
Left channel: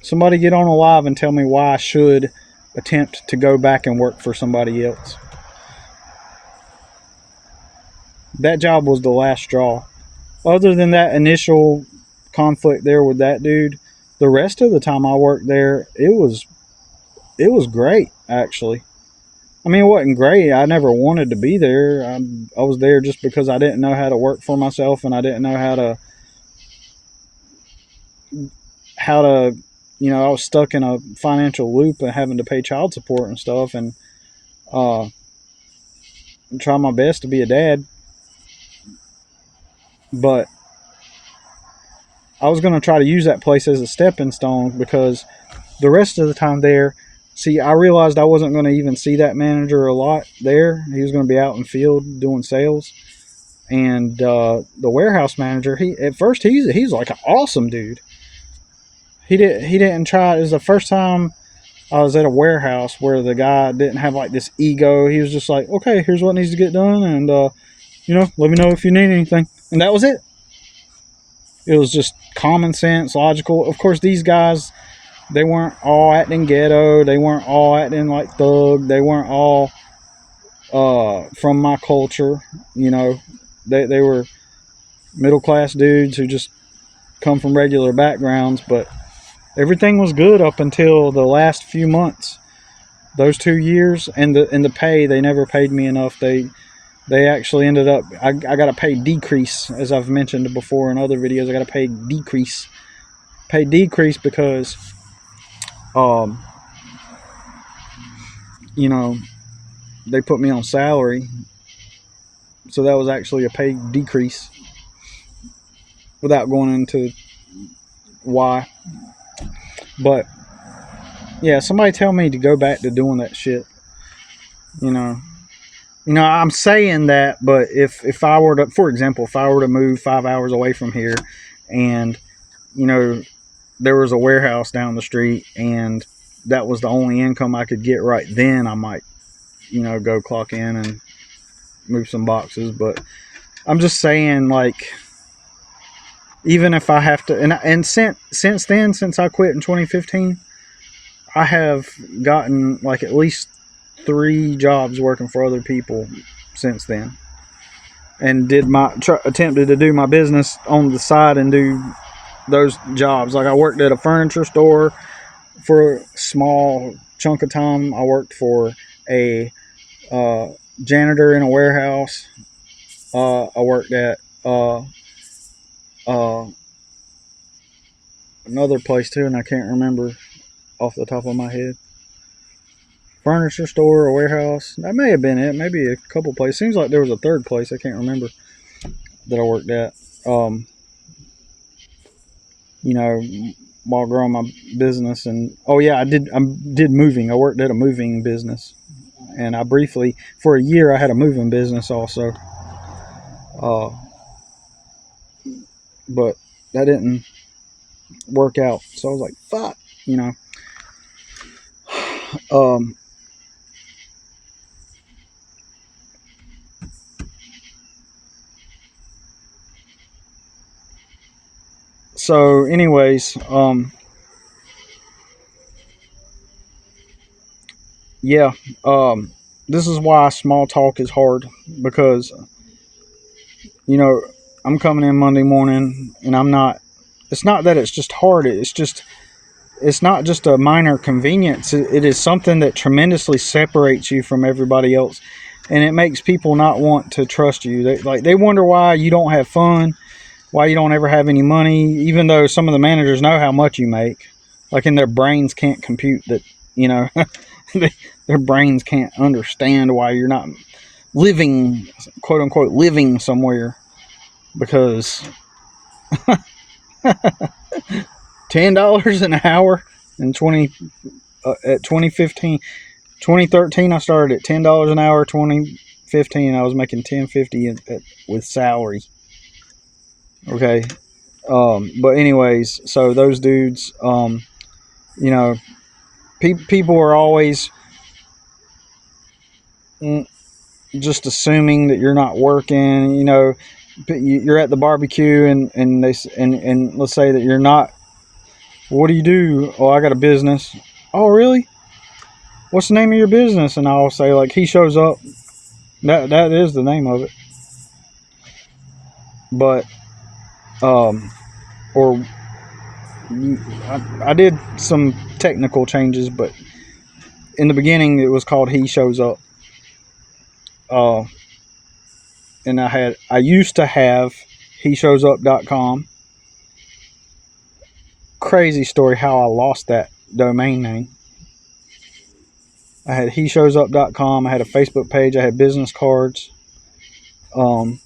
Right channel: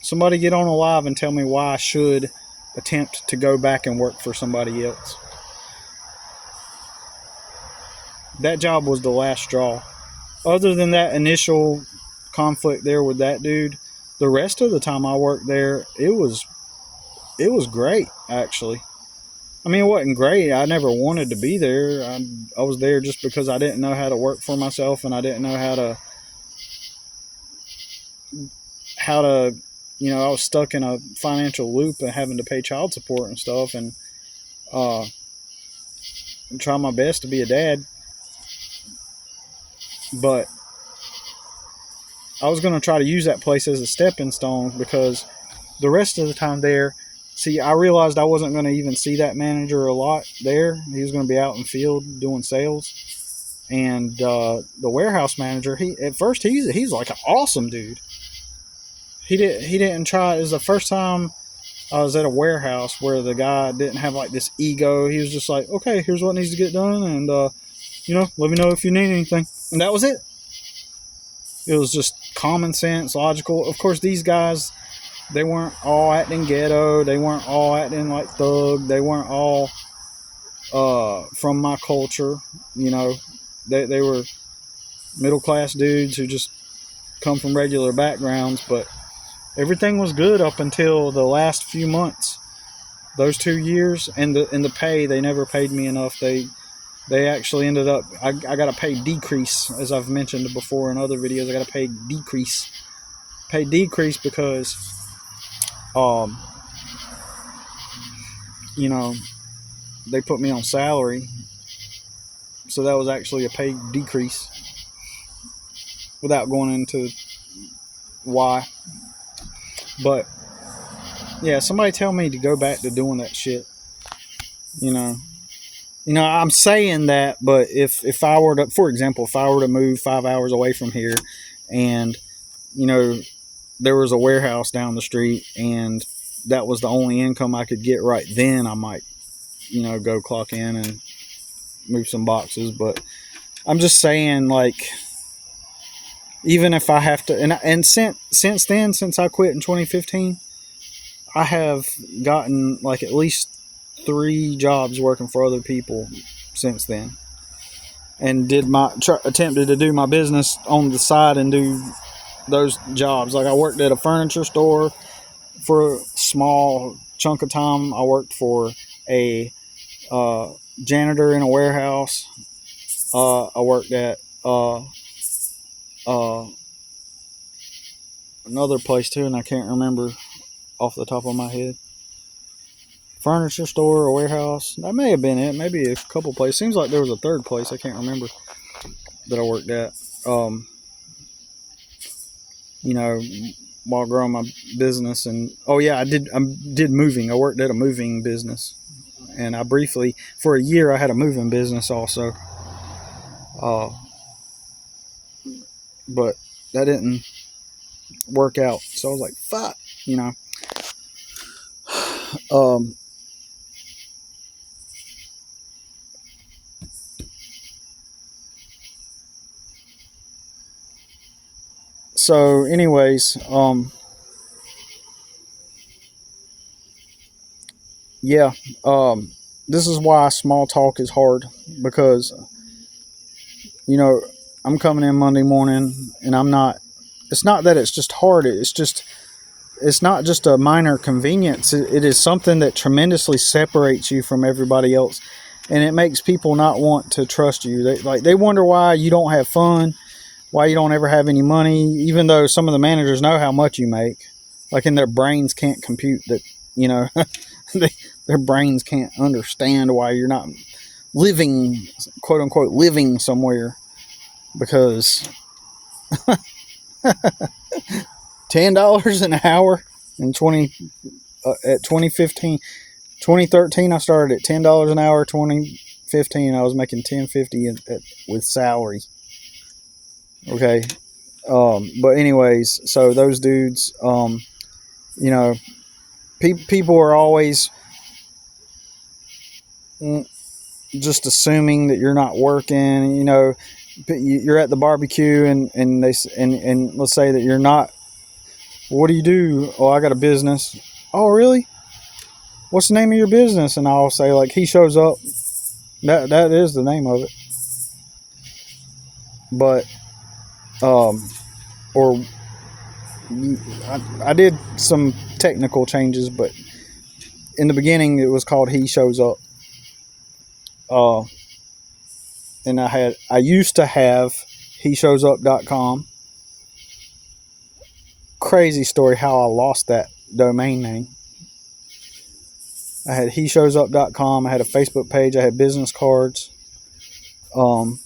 Somebody get on a live and tell me why I should attempt to go back and work for somebody else. That job was the last straw. Other than that initial conflict there with that dude, the rest of the time I worked there, it was great, actually. I mean, it wasn't great. I never wanted to be there. I was there just because I didn't know how to work for myself, and I didn't know how to I was stuck in a financial loop and having to pay child support and stuff, and try my best to be a dad. But I was going to try to use that place as a stepping stone, because the rest of the time there, I realized I wasn't going to even see that manager a lot there. He was going to be out in field doing sales. And the warehouse manager, at first he's like an awesome dude. He didn't try. It was the first time I was at a warehouse where the guy didn't have like this ego. He was just like, okay, here's what needs to get done, and let me know if you need anything, and that was it. It was just common sense, logical. Of course, these guys, they weren't all acting ghetto. They weren't all acting like thug. They weren't all from my culture. They were middle class dudes who just come from regular backgrounds, but everything was good up until the last few months. Those 2 years, and the pay, they never paid me enough. They actually ended up, I got a pay decrease, as I've mentioned before in other videos. I got a pay decrease because they put me on salary, so that was actually a pay decrease, without going into why. But yeah, somebody tell me to go back to doing that shit. I'm saying that, but if I were to, for example, if I were to move 5 hours away from here, and there was a warehouse down the street, and that was the only income I could get right then, I might go clock in and move some boxes. But I'm just saying, like, even if I have to, and since then, since I quit in 2015, I have gotten like at least 3 jobs working for other people since then, and attempted to do my business on the side and do those jobs. Like, I worked at a furniture store for a small chunk of time. I worked for a janitor in a warehouse. I worked at another place too, and I can't remember off the top of my head. Furniture store, a warehouse. That may have been it. Maybe a couple places. Seems like there was a third place I can't remember that I worked at. While growing my business, and I did moving. I worked at a moving business, and I briefly, for a year, I had a moving business also. But that didn't work out, so I was like, fuck, So anyways, this is why small talk is hard, because I'm coming in Monday morning, and it's not that it's just hard, it's not just a minor convenience. It is something that tremendously separates you from everybody else, and it makes people not want to trust you. They wonder why you don't have fun, why you don't ever have any money, even though some of the managers know how much you make. Like, and their brains can't compute that, their brains can't understand why you're not living, quote unquote, living somewhere, because $10 an hour in 2013 I started at $10 an hour. 2015 I was making $10.50 with salary. Okay. But anyways, so those dudes, people are always just assuming that you're not working. You're at the barbecue, and let's say that you're not. What do you do? Oh, I got a business. Oh, really? What's the name of your business? And I'll say, like, He Shows Up. That is the name of it. But I did some technical changes, but in the beginning it was called He Shows Up. And I used to have HeShowsUp.com. Crazy story how I lost that domain name. I had HeShowsUp.com. I had a Facebook page. I had business cards. So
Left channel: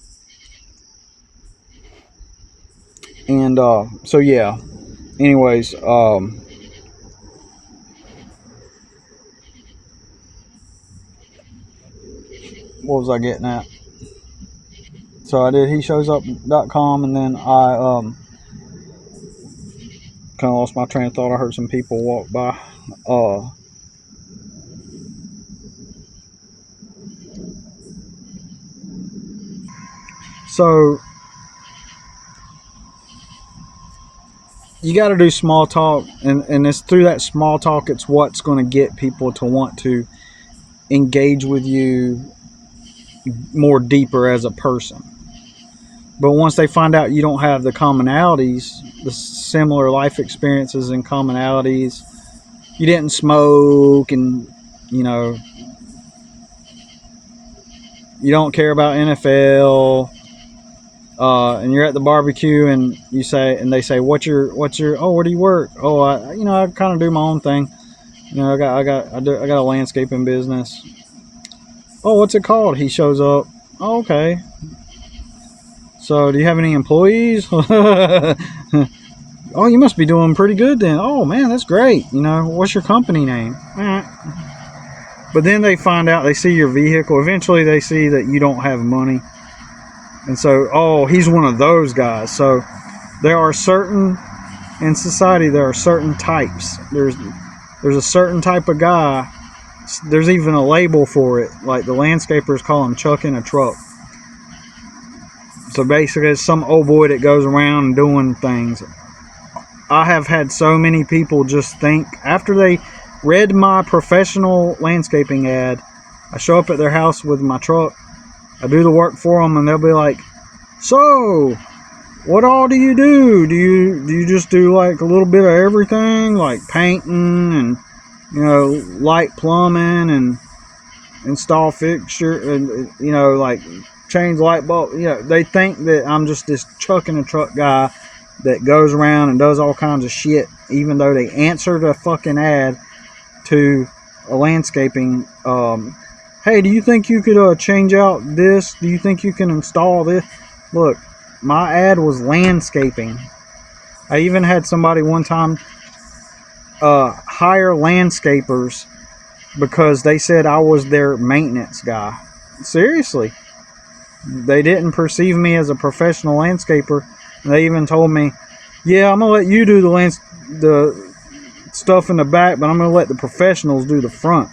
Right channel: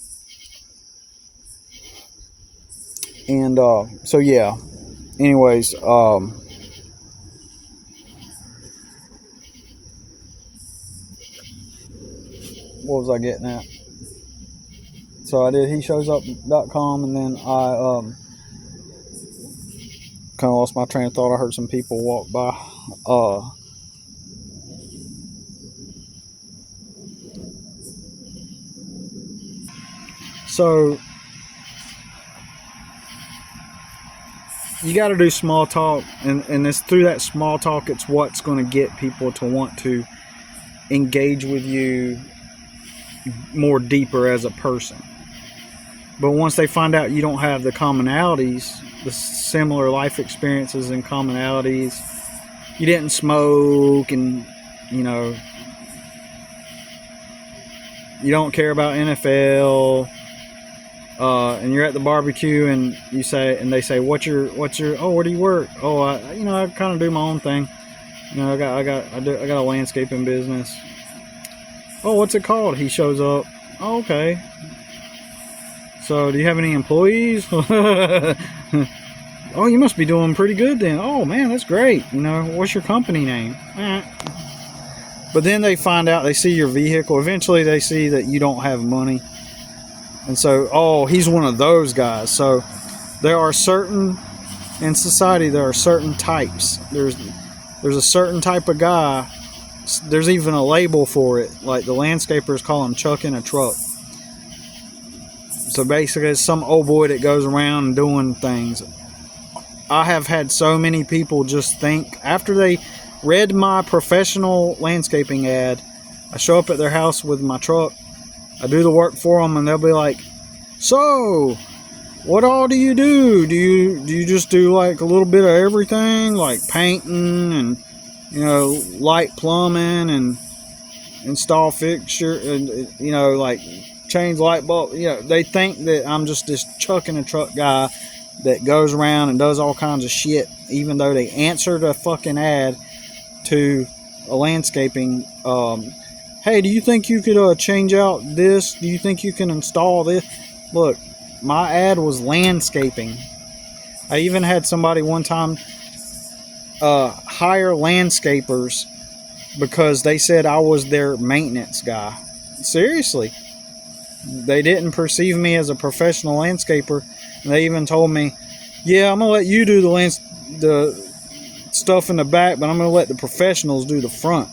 yeah. Anyways, what was I getting at? So I did HeShowsUp.com, and then I kind of lost my train of thought. I heard some people walk by. So you got to do small talk, and it's through that small talk, it's what's going to get people to want to engage with you more deeper as a person. But once they find out you don't have the commonalities, the similar life experiences and commonalities, you didn't smoke, and you know, you don't care about NFL, and you're at the barbecue, and you say, and they say, what's your oh, where do you work? Oh, I kind of do my own thing. You know, I got a landscaping business. Oh, what's it called? He shows up. Oh, okay. So, do you have any employees? Oh, you must be doing pretty good then. Oh man, that's great. You know, what's your company name? But then they find out, they see your vehicle. Eventually, they see that you don't have money. And so, oh, he's one of those guys. So there are certain, in society, there are certain types. There's a certain type of guy. There's even a label for it. Like the landscapers call him Chuck in a truck. So basically, it's some old boy that goes around doing things. I have had so many people just think, after they read my professional landscaping ad, I show up at their house with my truck, I do the work for them, and they'll be like, so what all do you do? Do you just do like a little bit of everything, like painting and, you know, light plumbing and install fixture and, you know, like change light bulb? You know, they think that I'm just this Chuck in a truck guy that goes around and does all kinds of shit, even though they answered a fucking ad to a landscaping. Hey, do you think you could change out this? Do you think you can install this? Look, my ad was landscaping. I even had somebody one time hire landscapers because they said I was their maintenance guy. Seriously. They didn't perceive me as a professional landscaper. They even told me, yeah, I'm going to let you do the stuff in the back, but I'm going to let the professionals do the front.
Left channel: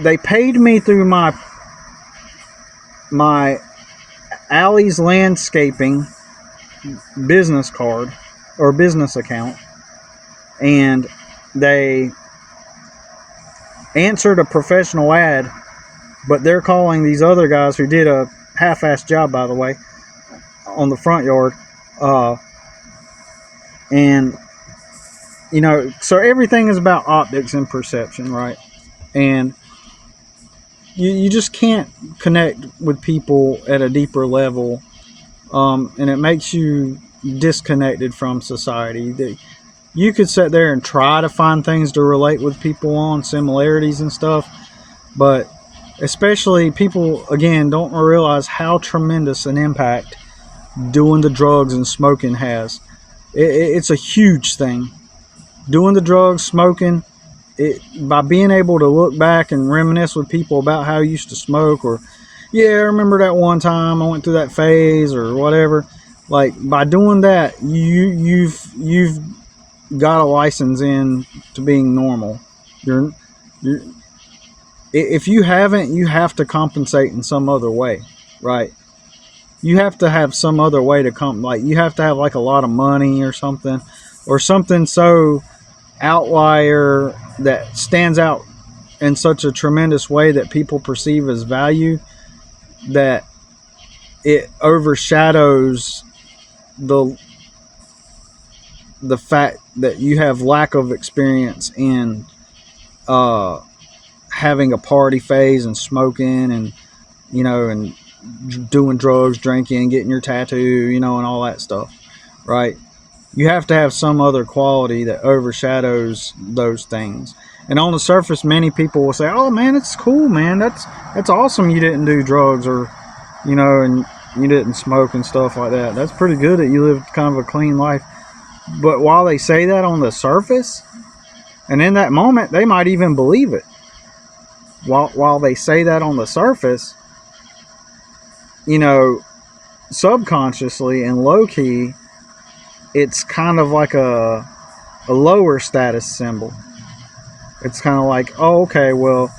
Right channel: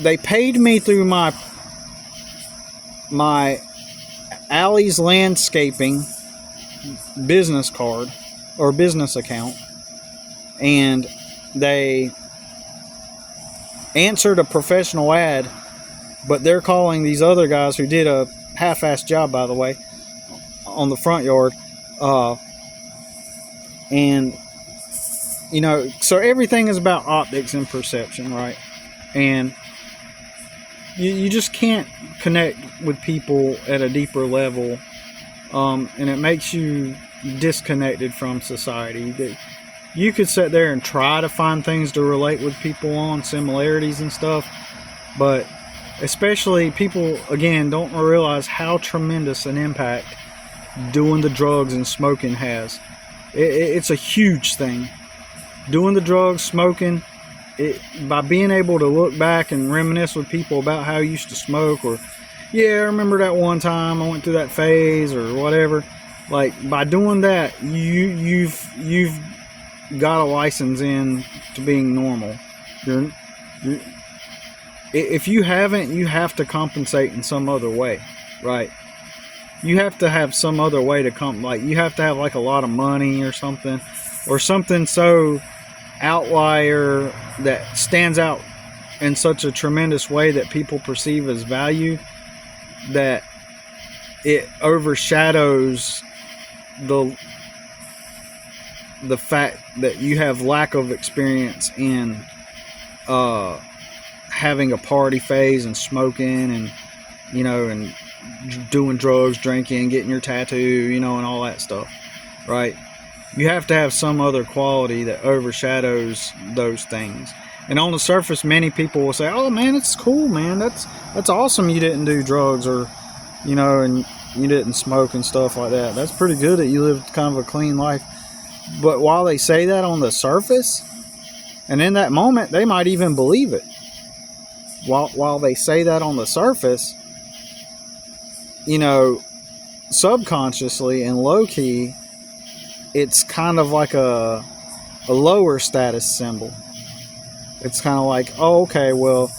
They paid me through my Alley's Landscaping business card or business account, and they answered a professional ad, but they're calling these other guys who did a half-assed job, by the way, on the front yard, and you know, so everything is about optics and perception, right? And you just can't connect with people at a deeper level, and it makes you disconnected from society. You could sit there and try to find things to relate with people on, similarities and stuff, but especially people, again, don't realize how tremendous an impact doing the drugs and smoking has. It's a huge thing. Doing the drugs, smoking, by being able to look back and reminisce with people about how you used to smoke, or yeah, I remember that one time I went through that phase or whatever. Like, by doing that, you've got a license in to being normal. If you haven't, you have to compensate in some other way, right? You have to have some other way to like you have to have like a lot of money or something so outlier that stands out in such a tremendous way that people perceive as value, that it overshadows the fact that you have lack of experience in having a party phase and smoking and, you know, and doing drugs, drinking, getting your tattoo, you know, and all that stuff, right? You have to have some other quality that overshadows those things. And on the surface, many people will say, oh man, it's cool, man, that's awesome you didn't do drugs, or, you know, and you didn't smoke and stuff like that. That's pretty good that you lived kind of a clean life. But while they say that on the surface, and in that moment they might even believe it, while they say that on the surface, you know, subconsciously and low-key, it's kind of like a lower status symbol. It's kind of like, oh, okay, well,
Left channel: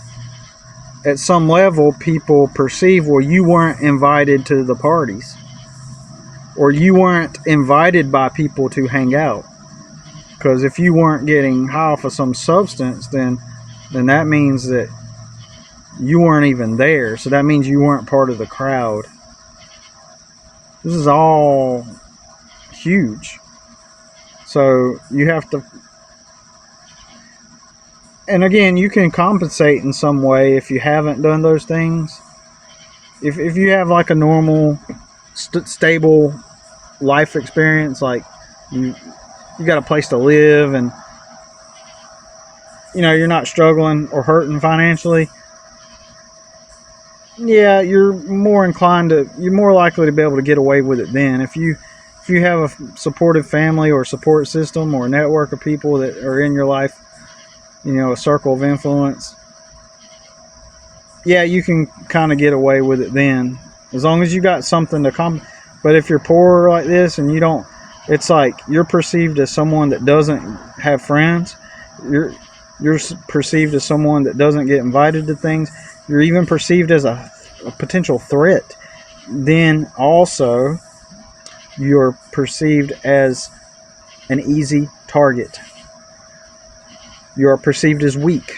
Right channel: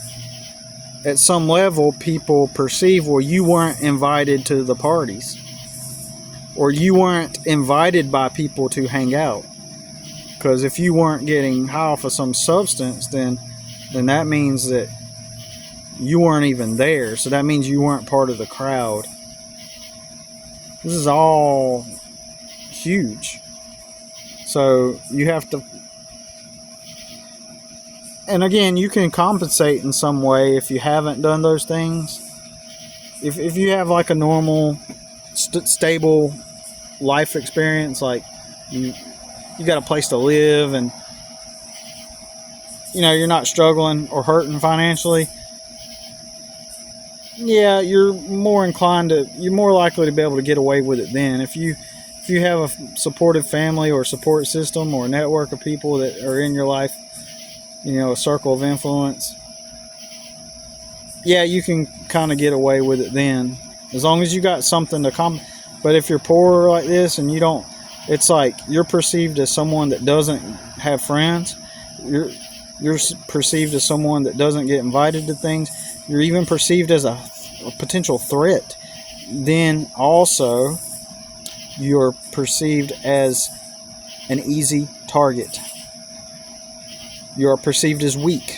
at some level, people perceive, well, you weren't invited to the parties, or you weren't invited by people to hang out. Because if you weren't getting high off of some substance, then that means that you weren't even there. So that means you weren't part of the crowd. This is all huge. So you have to, and again, you can compensate in some way if you haven't done those things. If you have like a normal, stable life experience, like you got a place to live, and you're not struggling or hurting financially, yeah, you're more likely to be able to get away with it then. If you have a supportive family or support system or a network of people that are in your life, a circle of influence, yeah, you can kind of get away with it then, as long as you got something to come. But if you're poor like this and you don't, it's like you're perceived as someone that doesn't have friends. You're perceived as someone that doesn't get invited to things. You're even perceived as a potential threat. Then also, you're perceived as an easy target. You are perceived as weak.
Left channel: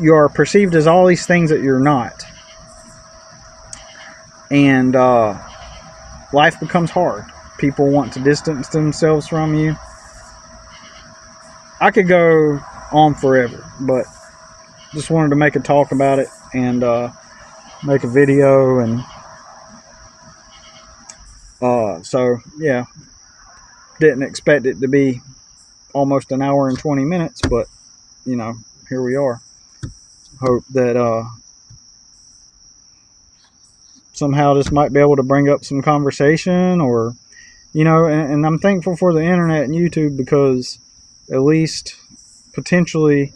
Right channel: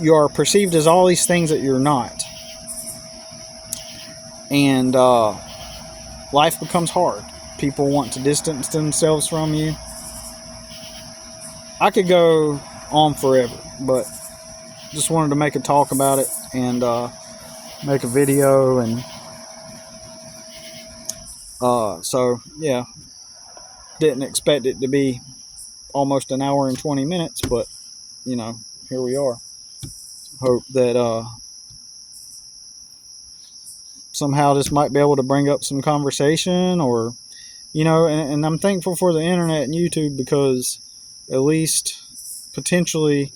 You are perceived as all these things that you're not. And life becomes hard. People want to distance themselves from you. I could go on forever, but just wanted to make a talk about it and make a video. And so, yeah, didn't expect it to be almost an hour and 20 minutes, but, here we are. Hope that somehow this might be able to bring up some conversation, or and I'm thankful for the internet and YouTube, because at least potentially,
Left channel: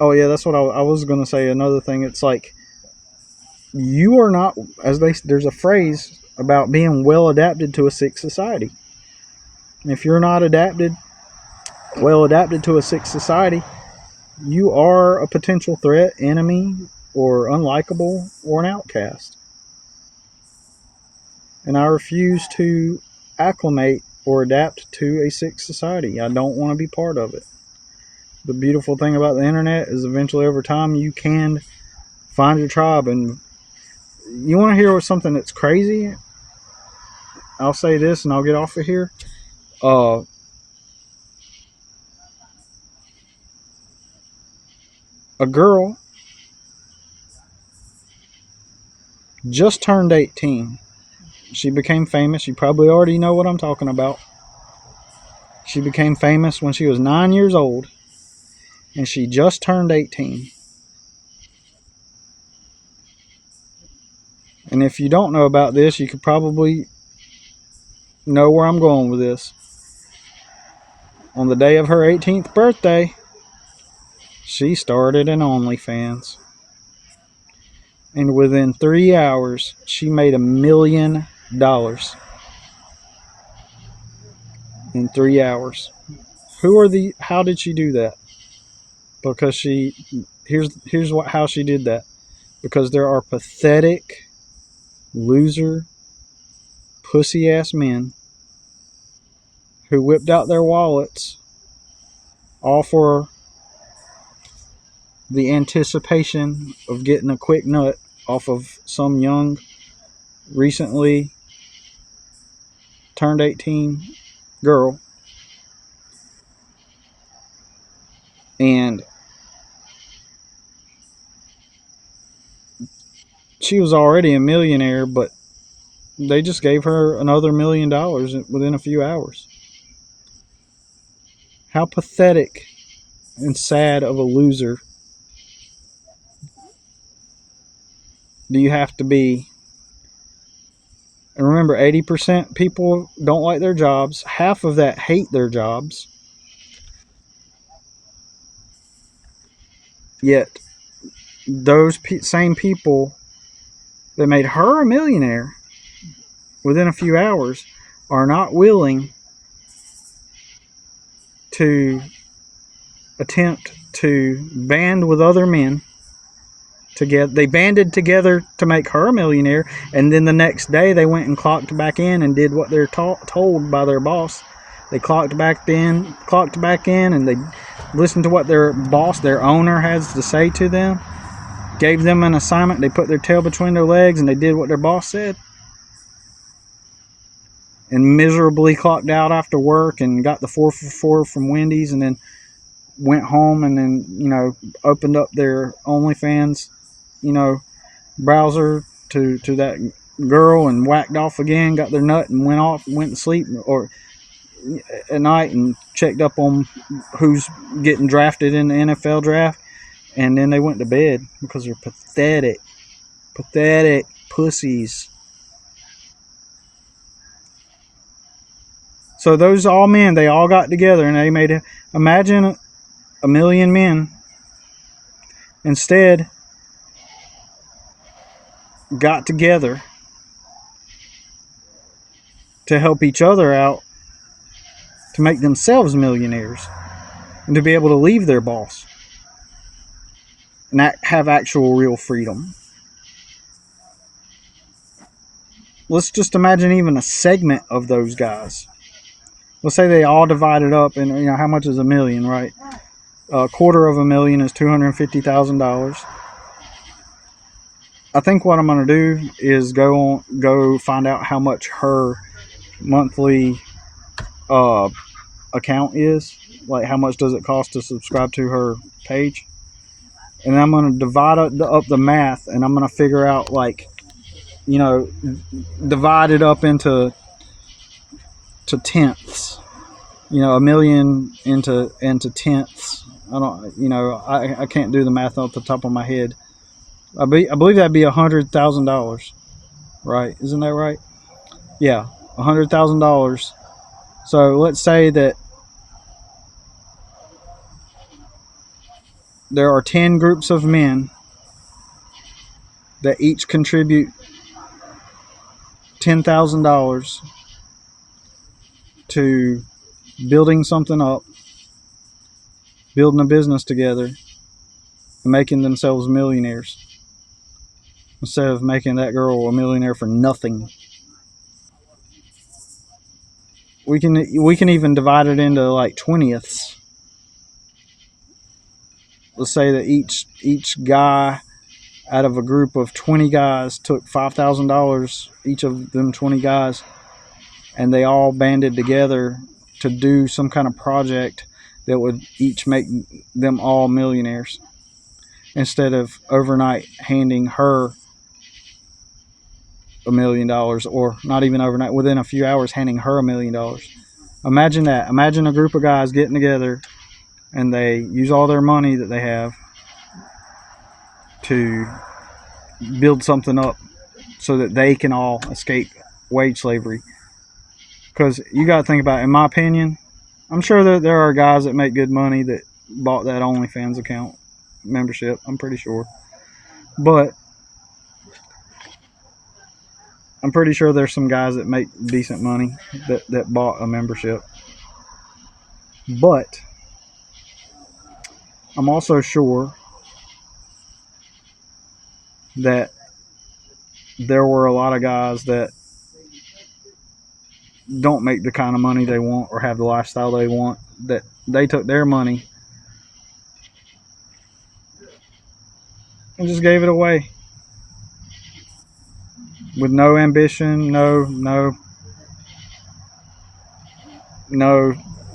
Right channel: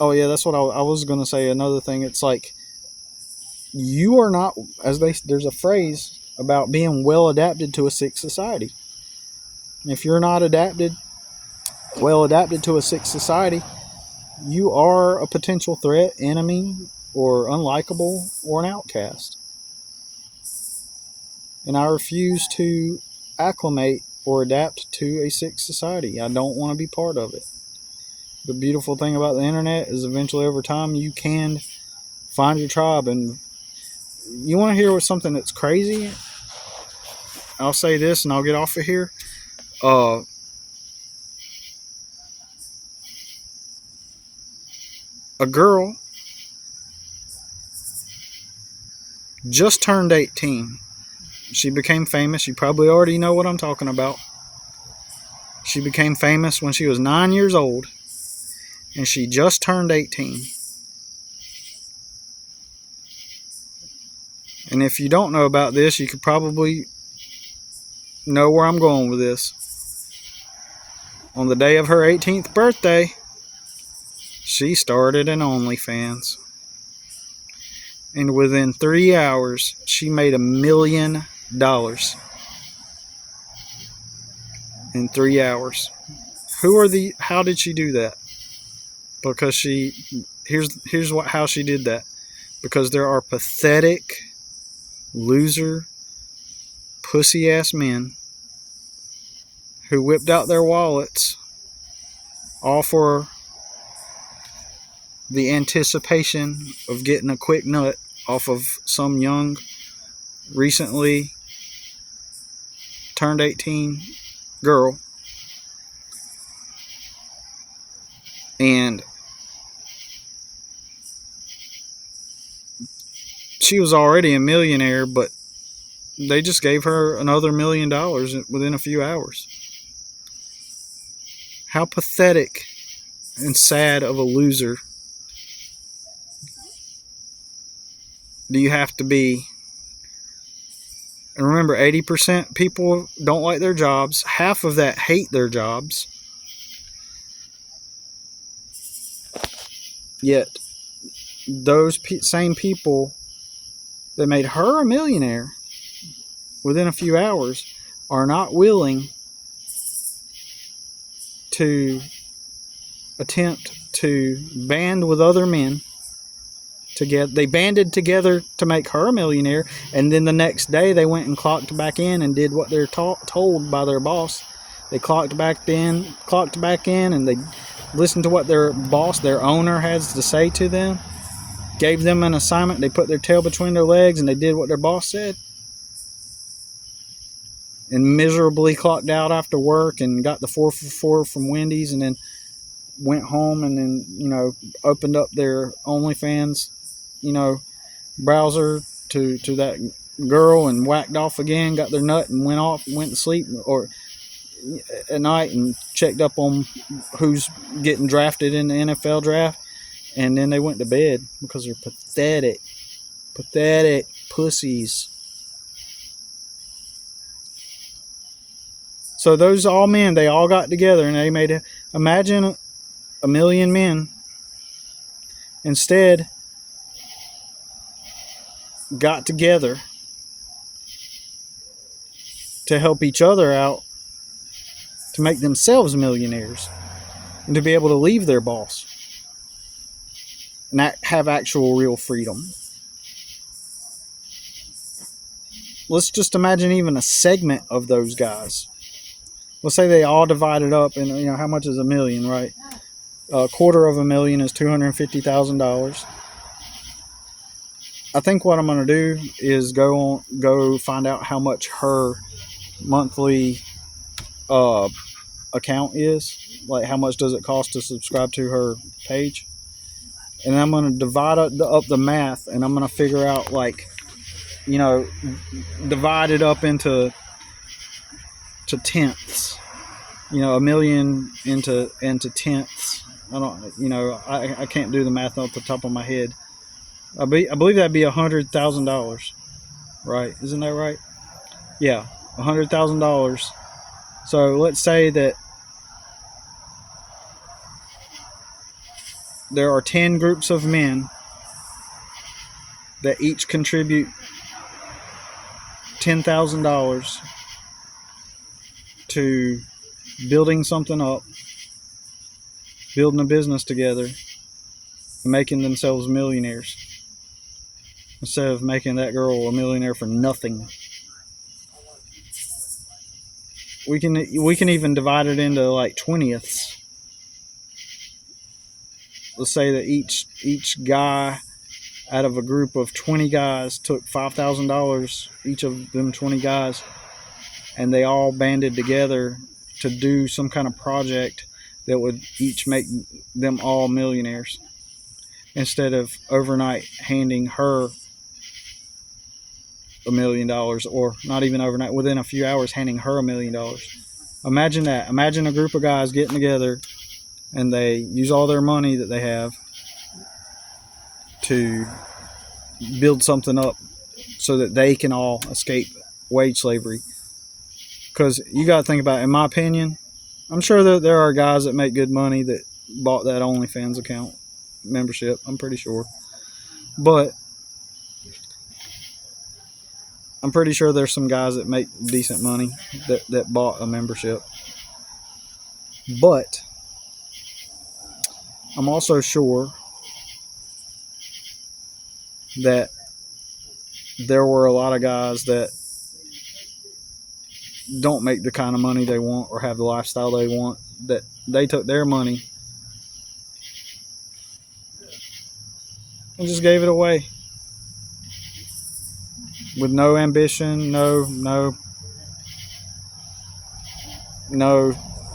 oh yeah, that's what I was going to say. Another thing, it's like, you are not, there's a phrase about being well adapted to a sick society. If you're not well adapted to a sick society, you are a potential threat, enemy, or unlikable, or an outcast. And I refuse to acclimate or adapt to a sick society. I don't want to be part of it. The beautiful thing about the internet is eventually, over time, you can find your tribe. And you want to hear something that's crazy? I'll say this and I'll get off of here. A girl just turned 18. She became famous. You probably already know what I'm talking about. She became famous when she was 9 years old, and she just turned 18. And if you don't know about this, you could probably know where I'm going with this. On the day of her 18th birthday, she started an OnlyFans. And within 3 hours, she made $1 million. In 3 hours. How did she do that? Because here's how she did that. Because there are pathetic, loser, pussy ass men who whipped out their wallets all for the anticipation of getting a quick nut off of some young, recently turned 18 girl. And she was already a millionaire, but they just gave her another $1 million within a few hours. How pathetic and sad of a loser do you have to be? And remember, 80% people don't like their jobs. Half of that hate their jobs. Yet, those same people that made her a millionaire within a few hours are not willing to attempt to band with other men together. They banded together to make her a millionaire, and then the next day they went and clocked back in and did what they're told by their boss. They clocked back in, and they listened to what their boss, their owner, has to say to them. Gave them an assignment. They put their tail between their legs and they did what their boss said. And miserably clocked out after work and got the 4 for 4 from Wendy's, and then went home and then, opened up their OnlyFans, browser to that girl and whacked off again, got their nut and went to sleep or at night and checked up on who's getting drafted in the NFL draft, and then they went to bed because they're pathetic pussies. So those all men, they all got together and they made imagine a million men instead got together to help each other out to make themselves millionaires and to be able to leave their boss and have actual real freedom. Let's just imagine even a segment of those guys. Let's say they all divided up, and how much is a million, right? $250,000 is $250,000. I think what I'm going to do is go find out how much her monthly account is, like how much does it cost to subscribe to her page, and I'm going to divide up the math, and I'm going to figure out divide it up into tenths, a million into tenths. I can't do the math off the top of my head. I believe that'd be $100,000, right? Isn't that right? Yeah, $100,000. So let's say that there are 10 groups of men that each contribute $10,000 to building something up, building a business together, making themselves millionaires instead of making that girl a millionaire for nothing. We can even divide it into like 20ths. Let's say that each guy out of a group of 20 guys took $5,000, each of them 20 guys, and they all banded together to do some kind of project that would each make them all millionaires, instead of overnight handing her $1 million, or not even overnight, within a few hours handing her $1 million. Imagine that. Imagine a group of guys getting together and they use all their money that they have to build something up so that they can all escape wage slavery. Because you got to think about it, in my opinion, I'm sure that there are guys that make good money that bought that OnlyFans account membership. I'm pretty sure. But I'm pretty sure there's some guys that make decent money that bought a membership. But I'm also sure that there were a lot of guys that don't make the kind of money they want or have the lifestyle they want, that they took their money and just gave it away with no ambition, no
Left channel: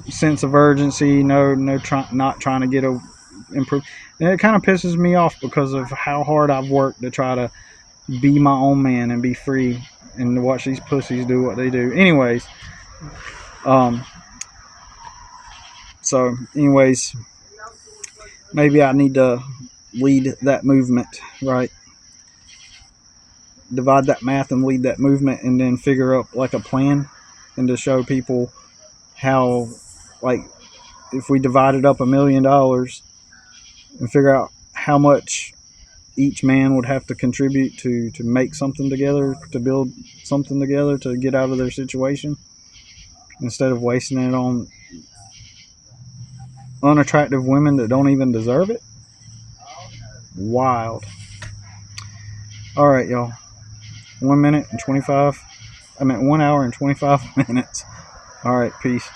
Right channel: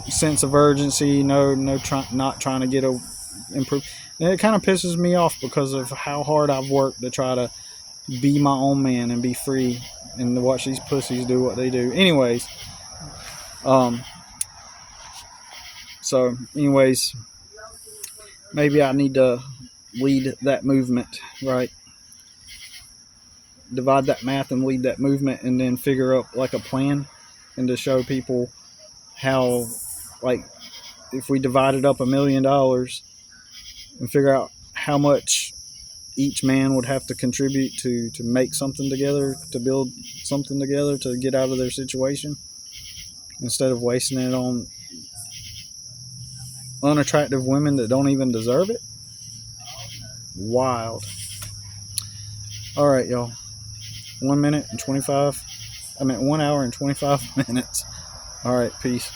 sense of urgency, not trying to get improve. And it kind of pisses me off because of how hard I've worked to try to be my own man and be free, and to watch these pussies do what they do. Anyways, maybe I need to lead that movement, right? Divide that math and lead that movement, and then figure out like a plan, and to show people how, like, if we divided up $1 million and figure out how much each man would have to contribute to make something together, to build something together, to get out of their situation, instead of wasting it on unattractive women that don't even deserve it? Wild. All right, y'all. 1 minute and 25. I meant 1 hour and 25 minutes. All right, peace.